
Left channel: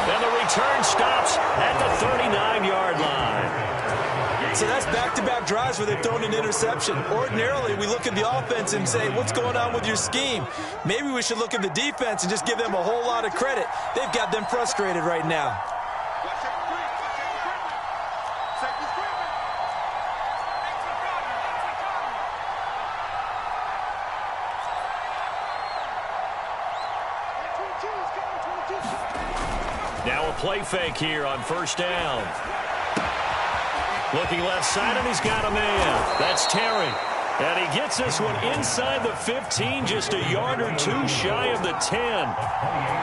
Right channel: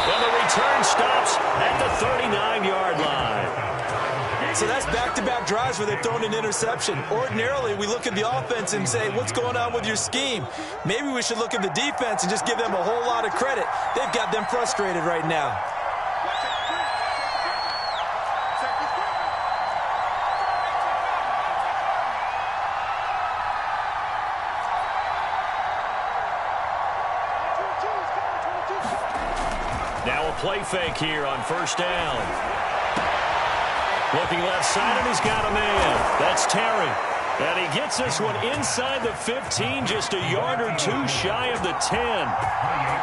And the return stops at the 39-yard line. So that's back-to-back drives where they've thrown an interception. Ordinarily, we look at the offense and say, what's going on with your scheme? Maybe we should look at the defense and just give them a whole lot of credit. They've got them frustrated right now. Now a play fake here on first down. Looking left side, and he's got a man. That's Terry. And he gets this one inside the 15, just a yard or 2 shy of the 10.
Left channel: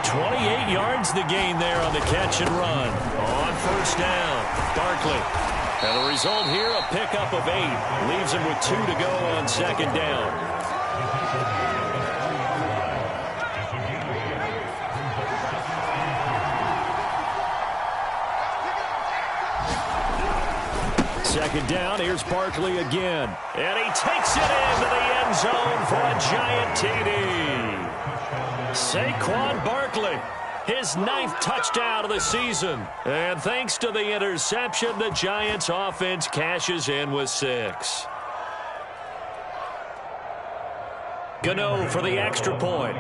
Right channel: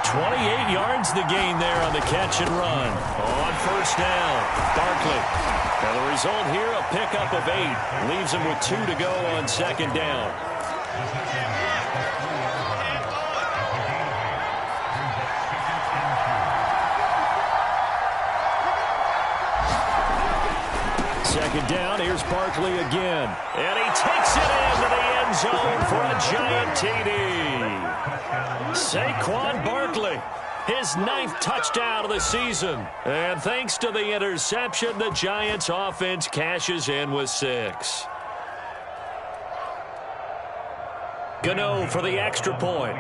28 yards the gain there on the catch and run. On first down, Barkley. And the result here, a pickup of 8. Leaves him with 2 to go on 2nd down. Second down, here's Barkley again. And he takes it into the end zone for a giant TD. Saquon Barkley, his 9th touchdown of the season. And thanks to the interception, the Giants offense cashes in with 6. Gano for the extra point.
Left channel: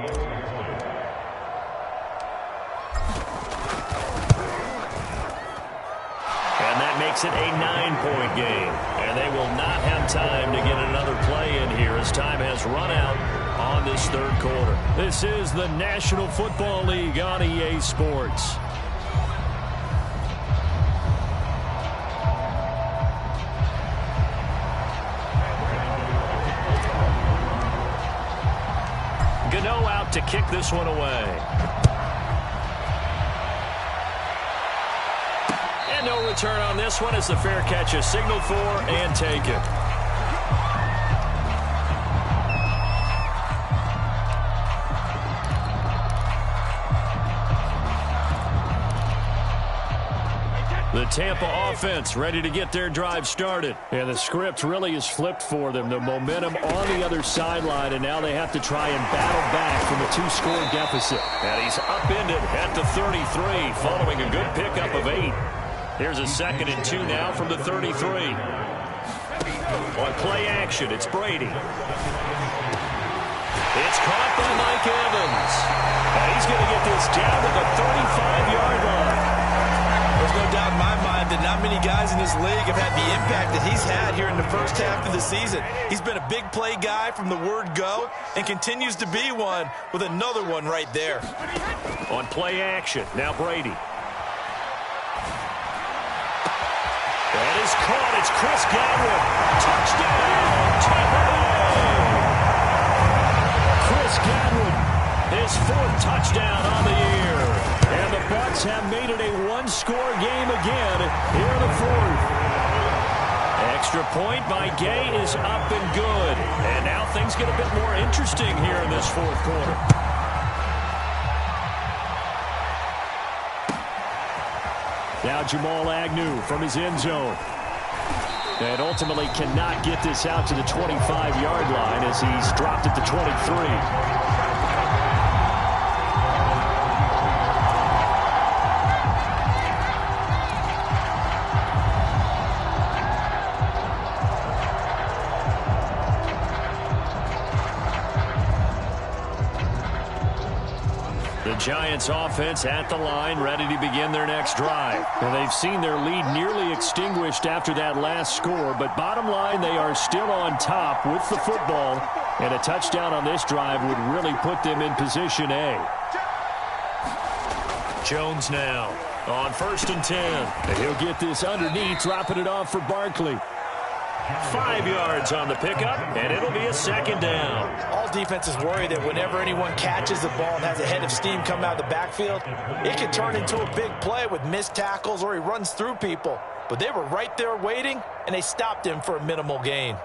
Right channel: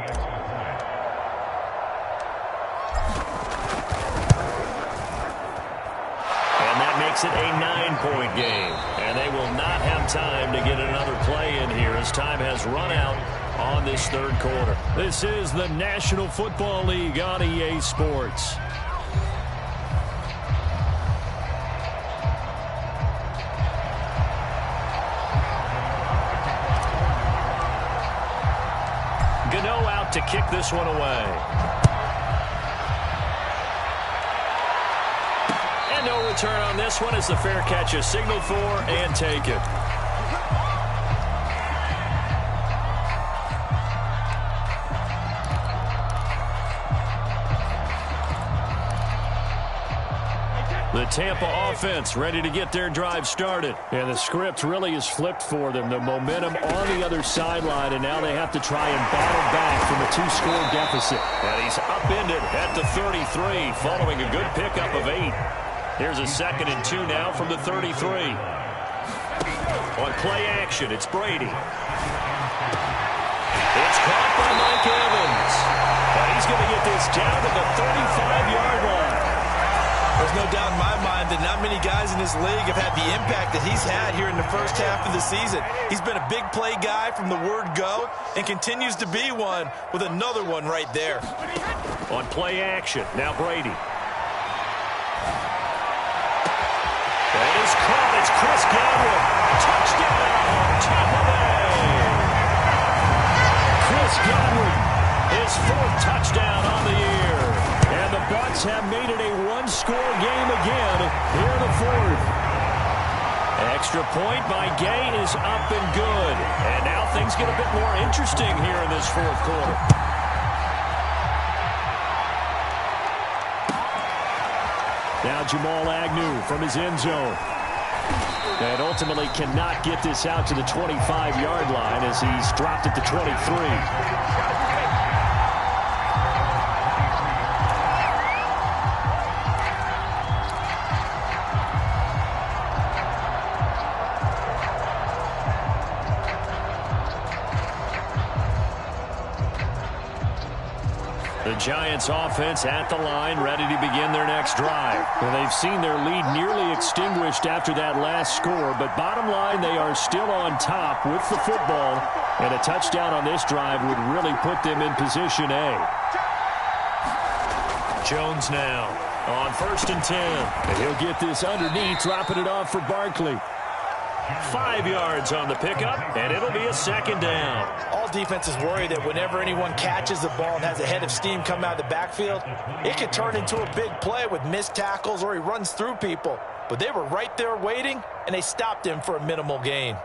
And that makes it a 9-point game. And they will not have time to get another play in here as time has run out on this third quarter. This is the National Football League on EA Sports. to kick this one away. And no return on this one as the fair catch is signaled for and taken. The Tampa offense ready to get their drive started. And the script really is flipped for them. The momentum on the other sideline, and now they have to try and battle back from a 2-score deficit. And he's upended at the 33 following a good pickup of 8. Here's a 2nd and 2 now from the 33. On play action, it's Brady. It's caught by Mike Evans. And he's going to get this down to the 35-yard line. There's no doubt in my mind that not many guys in this league have had the impact that he's had here in the first half of the season. He's been a big play guy from the word go and continues to be one with another one right there. On play action, now Brady. That is caught. It's Chris Godwin. Touchdown, Tampa Bay. Chris Godwin, his 4th touchdown on the year. And the Bucs have made it a 1-score game again here in the 4th. Extra point by Gay is up and good. And now things get a bit more interesting here in this 4th quarter. Now Jamal Agnew from his end zone. And ultimately cannot get this out to the 25-yard line as he's dropped at the 23. The Giants offense at the line, ready to begin their next drive. And they've seen their lead nearly extinguished after that last score, but bottom line, they are still on top with the football, and a touchdown on this drive would really put them in position A. Jones now on 1st and 10. And he'll get this underneath, dropping it off for Barkley. 5 yards on the pickup, and it'll be a 2nd down. All defenses worry that whenever anyone catches the ball and has a head of steam come out of the backfield, it could turn into a big play with missed tackles or he runs through people. But they were right there waiting, and they stopped him for a minimal gain.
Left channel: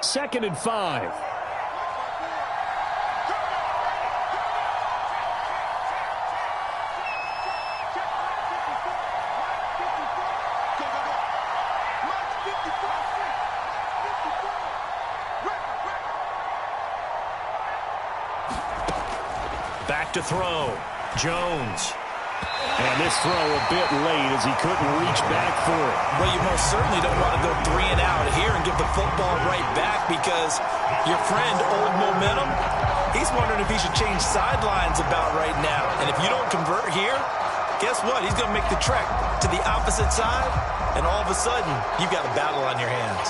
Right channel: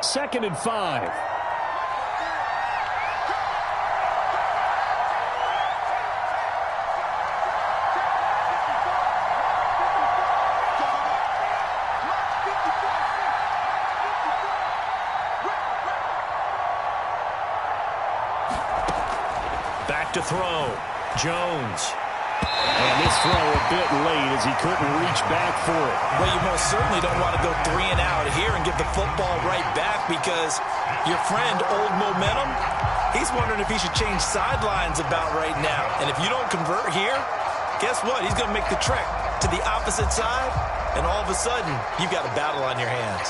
Second and 5. Back to throw. Jones. And this throw a bit late as he couldn't reach back for it. Well, you most certainly don't want to go 3 and out here and give the football right back because your friend, Old Momentum, he's wondering if he should change sidelines about right now. And if you don't convert here, guess what? He's going to make the trek to the opposite side, and all of a sudden, you've got a battle on your hands.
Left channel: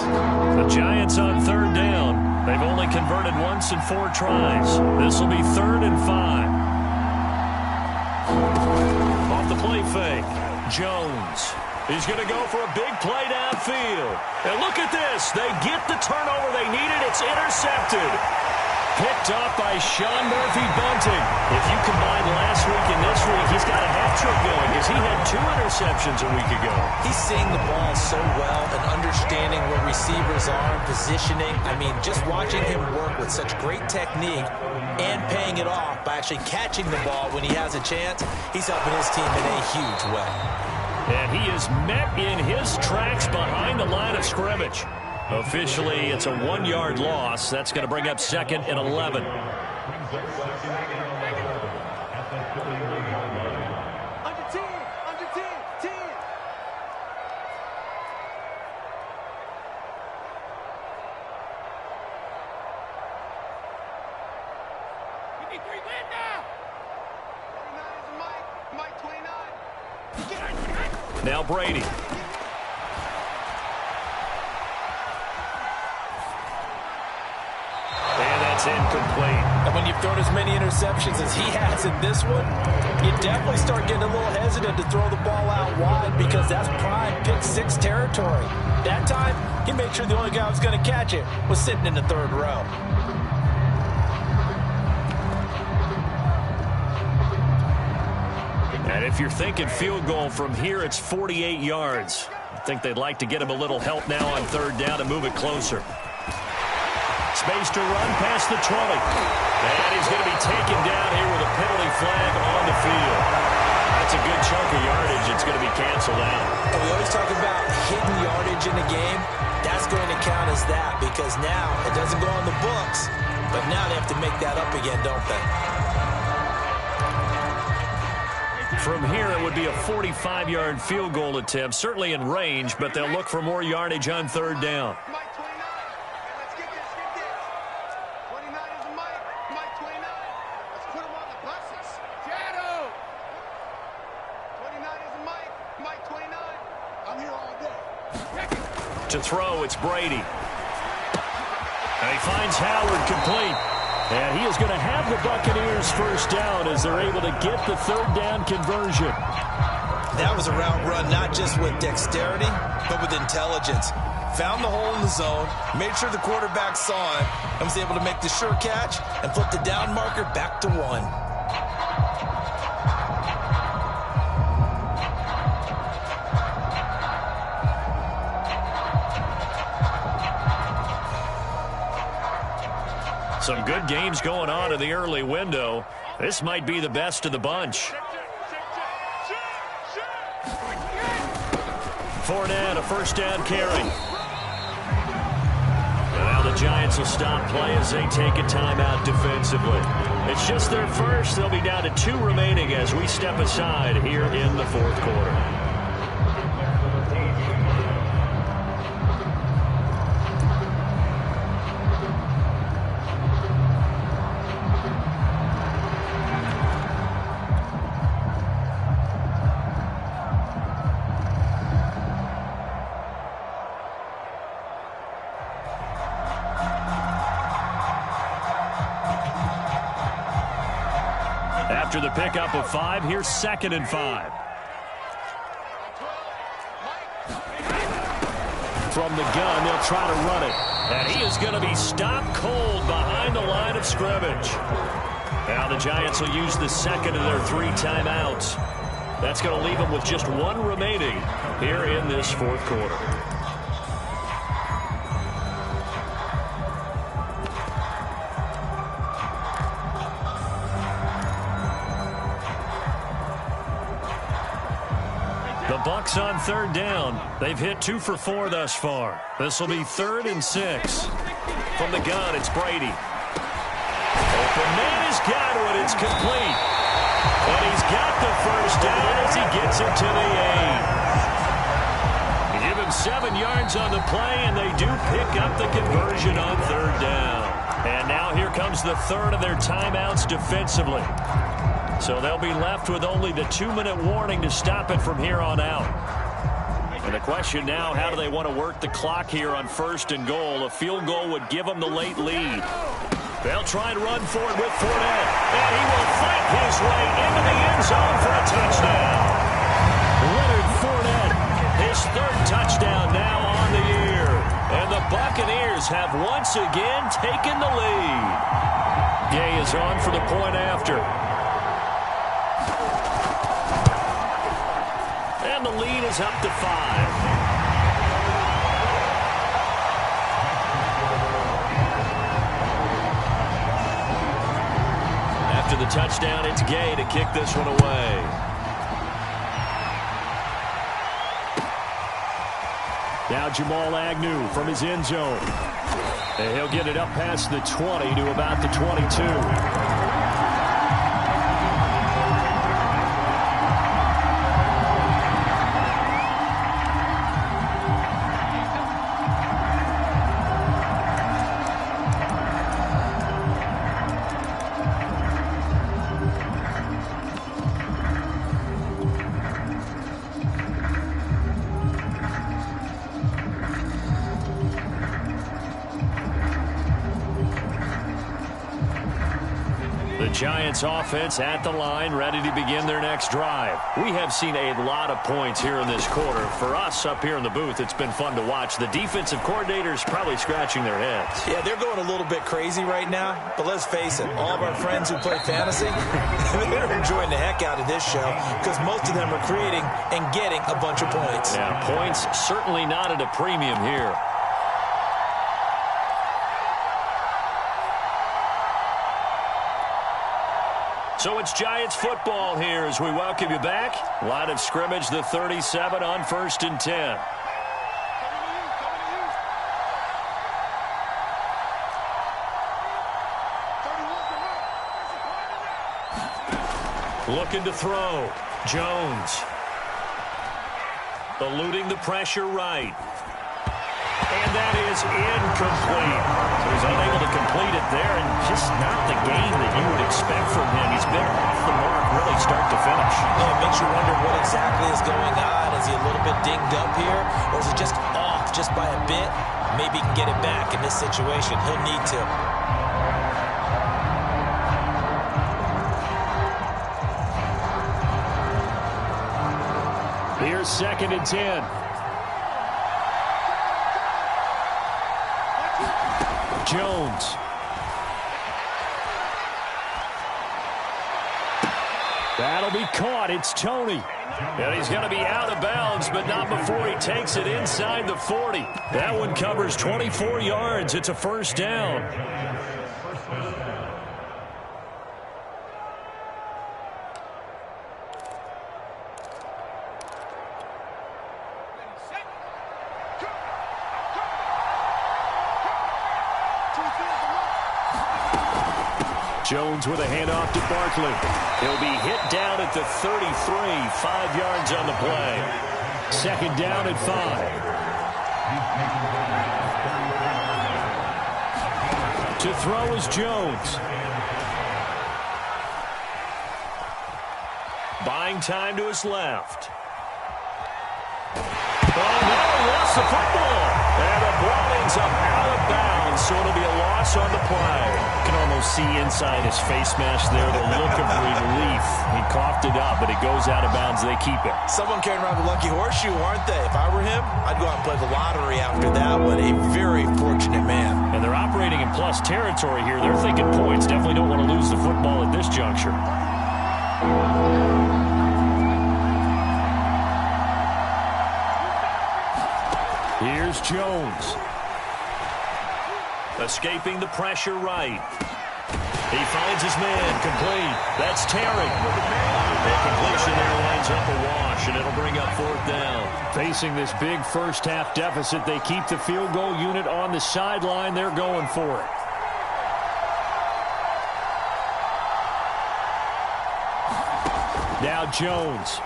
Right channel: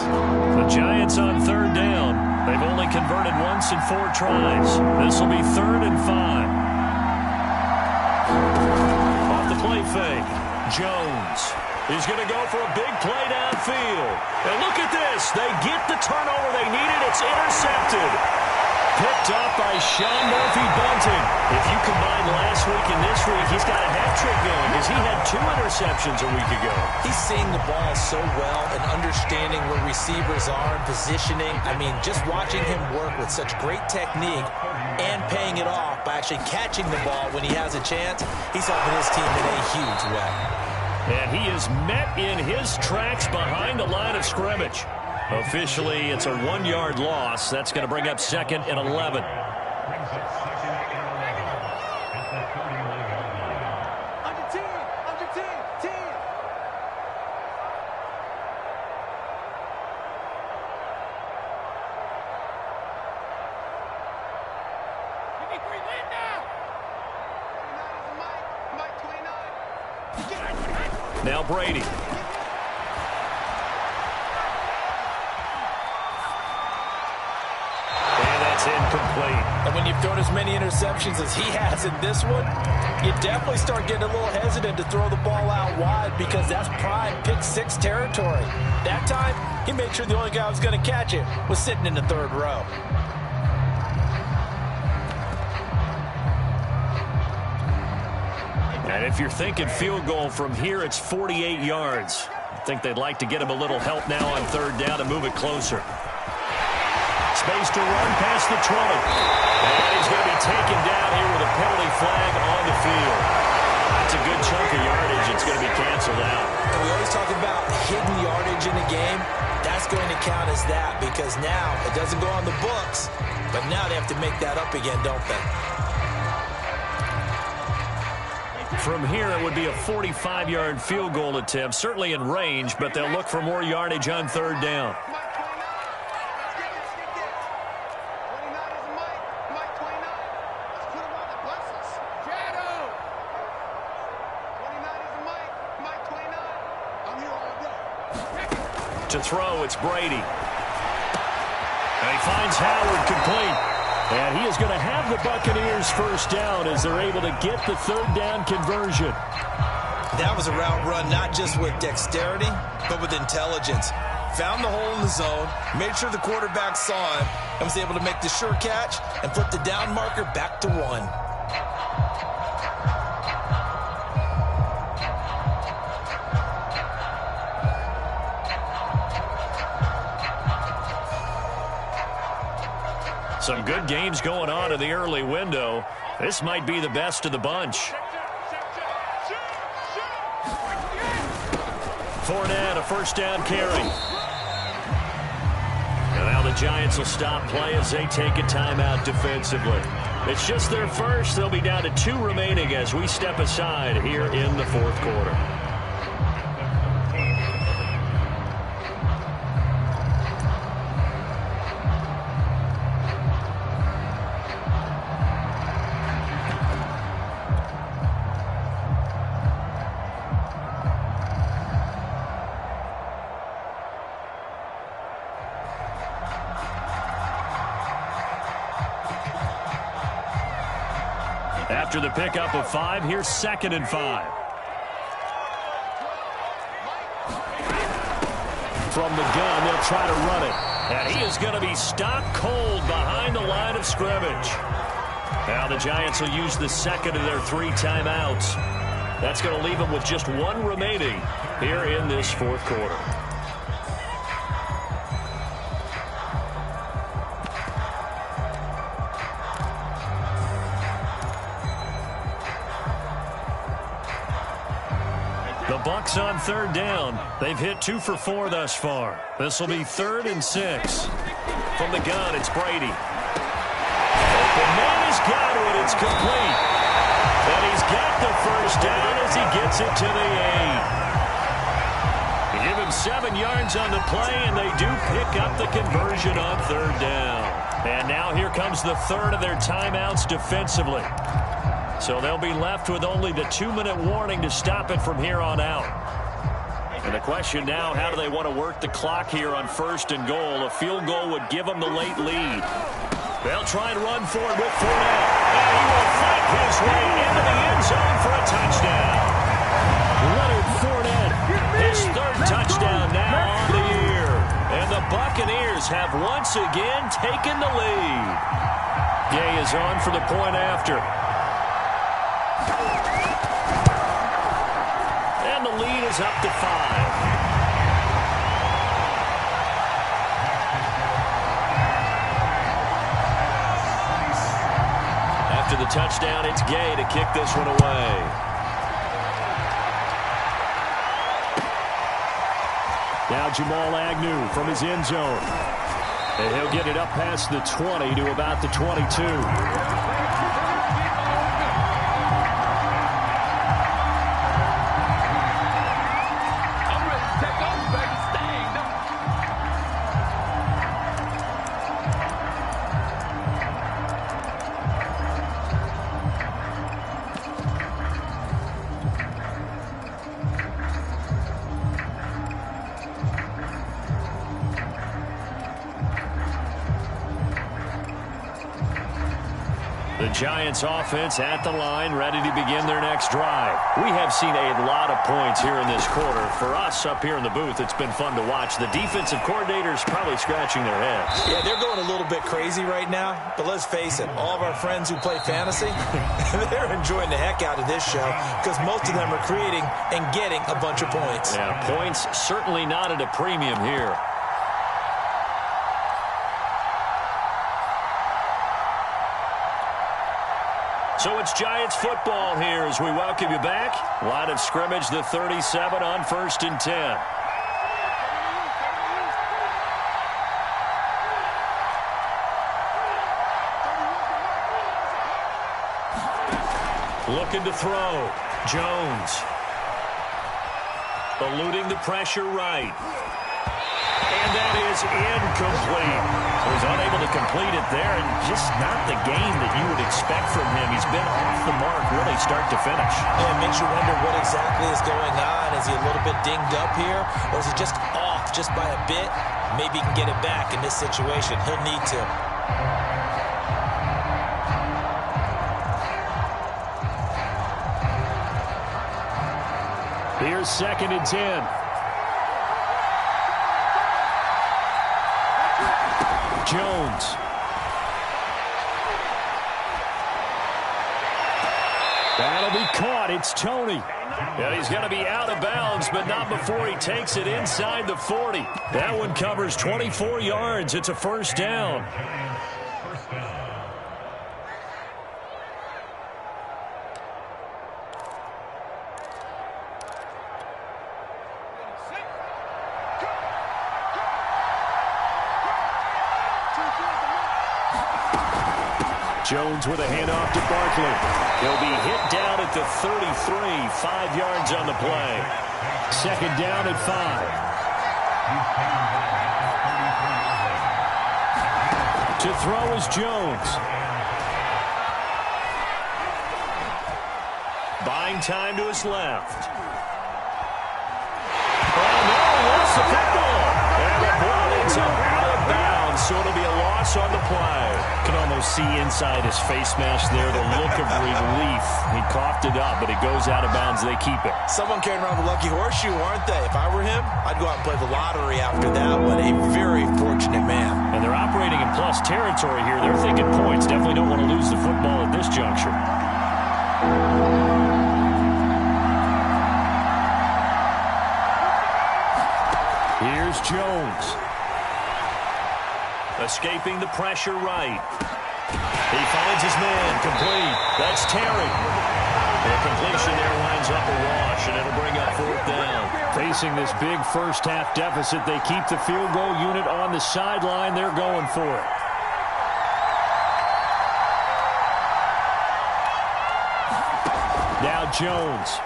The Giants on 3rd down. They've only converted once in 4 tries. This will be 3rd and 5. Off the play fake, Jones. He's going to go for a big play downfield. And look at this. They get the turnover they needed. It's intercepted. Picked up by Sean Murphy-Bunting. If you combine last week and this week, he's got a hat trick going because he had 2 interceptions a week ago. He's seeing the ball so well and understanding where receivers are and positioning. I mean, just watching him work with such great technique and paying it off by actually catching the ball when he has a chance, he's helping his team in a huge way. And he is met in his tracks behind the line of scrimmage. Officially, it's a 1-yard loss. That's going to bring up 2nd and 11. Under 10, under 10, 10. We need 3 win now. 29 is Mike 29. Now Brady. It's incomplete. And when you've thrown as many interceptions as he has in this one, you definitely start getting a little hesitant to throw the ball out wide because that's prime pick six territory. That time, he made sure the only guy who was going to catch it was sitting in the third row. And if you're thinking field goal from here, it's 48 yards. I think they'd like to get him a little help now on third down to move it closer. Space to run past the 20. And he's going to be taken down here with a penalty flag on the field. That's a good chunk of yardage. It's going to be canceled out. And we always talk about hidden yardage in a game. That's going to count as that because now it doesn't go on the books, but now they have to make that up again, don't they? From here, it would be a 45-yard field goal attempt, certainly in range, but they'll look for more yardage on third down. Mike 29. Let's get this. 29 is a Mike. Mike 29. Let's put him on the buses. Shadow. 29 is a Mike. Mike 29. I'm here all day. To throw, it's Brady. And he finds Howard complete. And he is going to have the Buccaneers first down as they're able to get the third down conversion. That was a route run not just with dexterity, but with intelligence. Found the hole in the zone, made sure the quarterback saw him, and was able to make the sure catch and flip the down marker back to 1. Some good games going on in the early window. This might be the best of the bunch. Fournette, a first down carry. And now the Giants will stop play as they take a timeout defensively. It's just their first. They'll be down to 2 remaining as we step aside here in the fourth quarter. After the pickup of 5, here's 2nd and 5. From the gun, they'll try to run it. And he is going to be stopped cold behind the line of scrimmage. Now the Giants will use the second of their 3 timeouts. That's going to leave them with just 1 remaining here in this fourth quarter. The Bucs on third down. They've hit 2 for 4 thus far. This will be 3rd and 6. From the gun, it's Brady. Open man has got one. It's complete. And he's got the first down as he gets it to the 8. You give him 7 yards on the play, and they do pick up the conversion on third down. And now here comes the 3rd of their timeouts defensively. So they'll be left with only the 2-minute warning to stop it from here on out. And the question now, how do they want to work the clock here on 1st and goal? A field goal would give them the late lead. They'll try and run for it with Fournette. And he will fight his way into the end zone for a touchdown. Leonard Fournette, his 3rd touchdown now on the year. And the Buccaneers have once again taken the lead. Gay is on for the point after. And the lead is up to 5. After the touchdown, it's Gay to kick this one away. Now Jamal Agnew from his end zone. And he'll get it up past the 20 to about the 22. The Giants offense at the line, ready to begin their next drive. We have seen a lot of points here in this quarter. For us up here in the booth, it's been fun to watch. The defensive coordinators probably scratching their heads. Yeah, they're going a little bit crazy right now. But let's face it, all of our friends who play fantasy, they're enjoying the heck out of this show because most of them are creating and getting a bunch of points. Yeah, points certainly not at a premium here. So it's Giants football here as we welcome you back. Line of scrimmage, the 37 on 1st and 10. Looking to throw. Jones. Eluding the pressure right. And that is incomplete. So he's unable to complete it there, and just not the game that you would expect from him. He's been off the mark really start to finish. Yeah, it makes you wonder what exactly is going on. Is he a little bit dinged up here, or is it just off just by a bit? Maybe he can get it back in this situation. He'll need to. Here's 2nd and 10. Jones. That'll be caught. It's Tony. And he's going to be out of bounds, but not before he takes it inside the 40. That one covers 24 yards. It's a first down. Jones with a handoff to Barkley. He'll be hit down at the 33, 5 yards on the play. 2nd down at 5. To throw is Jones. Buying time to his left. Oh, no, he lost the football. And the ball ends up out of bounds, so it'll be a loss on the play. You can almost see inside his face mask there the look of relief. He coughed it up, but it goes out of bounds. They keep it. Someone carrying around the lucky horseshoe, aren't they? If I were him, I'd go out and play the lottery after that one. A very fortunate man. And they're operating in plus territory here. They're thinking points. Definitely don't want to lose the football at this juncture. Here's Jones. Escaping the pressure right. He finds his man. Complete. That's Terry. The completion there winds up a wash, and it'll bring up 4th down. Facing this big first-half deficit, they keep the field goal unit on the sideline. They're going for it. Now Jones.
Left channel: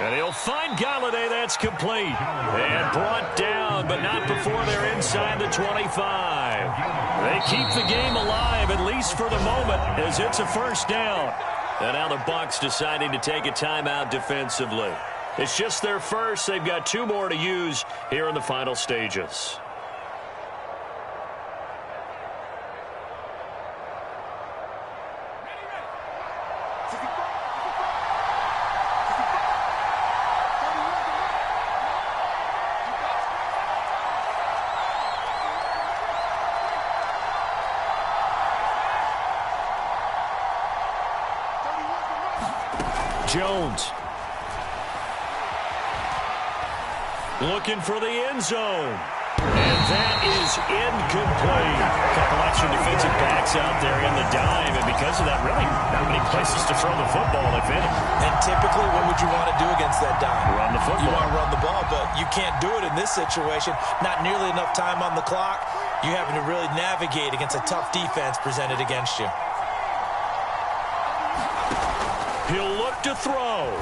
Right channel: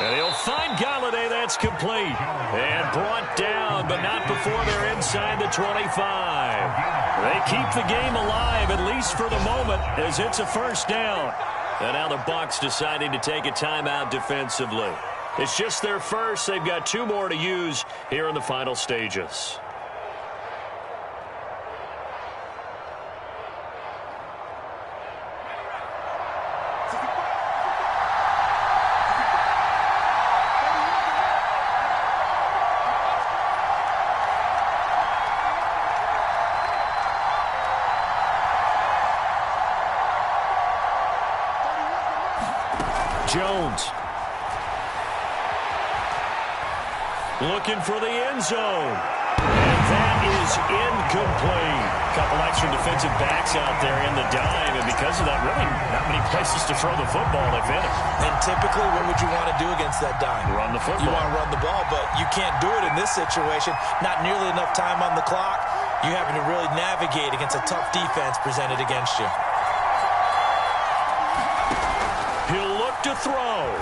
And he'll find Galladay. That's complete. And brought down, but not before they're inside the 25. They keep the game alive, at least for the moment, as it's a first down. And now the Bucs deciding to take a timeout defensively. It's just their first. They've got 2 more to use here in the final stages. Jones. Looking for the end zone. And that is incomplete. A couple extra defensive backs out there in the dime, and because of that, really not many places to throw the football, if any. And typically, what would you want to do against that dime? Run the football. You want to run the ball, but you can't do it in this situation. Not nearly enough time on the clock. You're having to really navigate against a tough defense presented against you. He'll look to throw.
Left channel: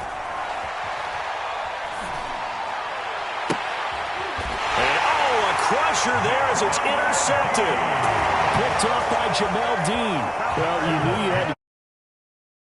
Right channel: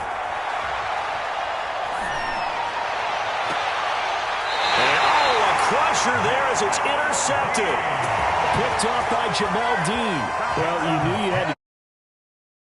And, a crusher there as it's intercepted. Picked off by Jamel Dean. Well, you knew you had to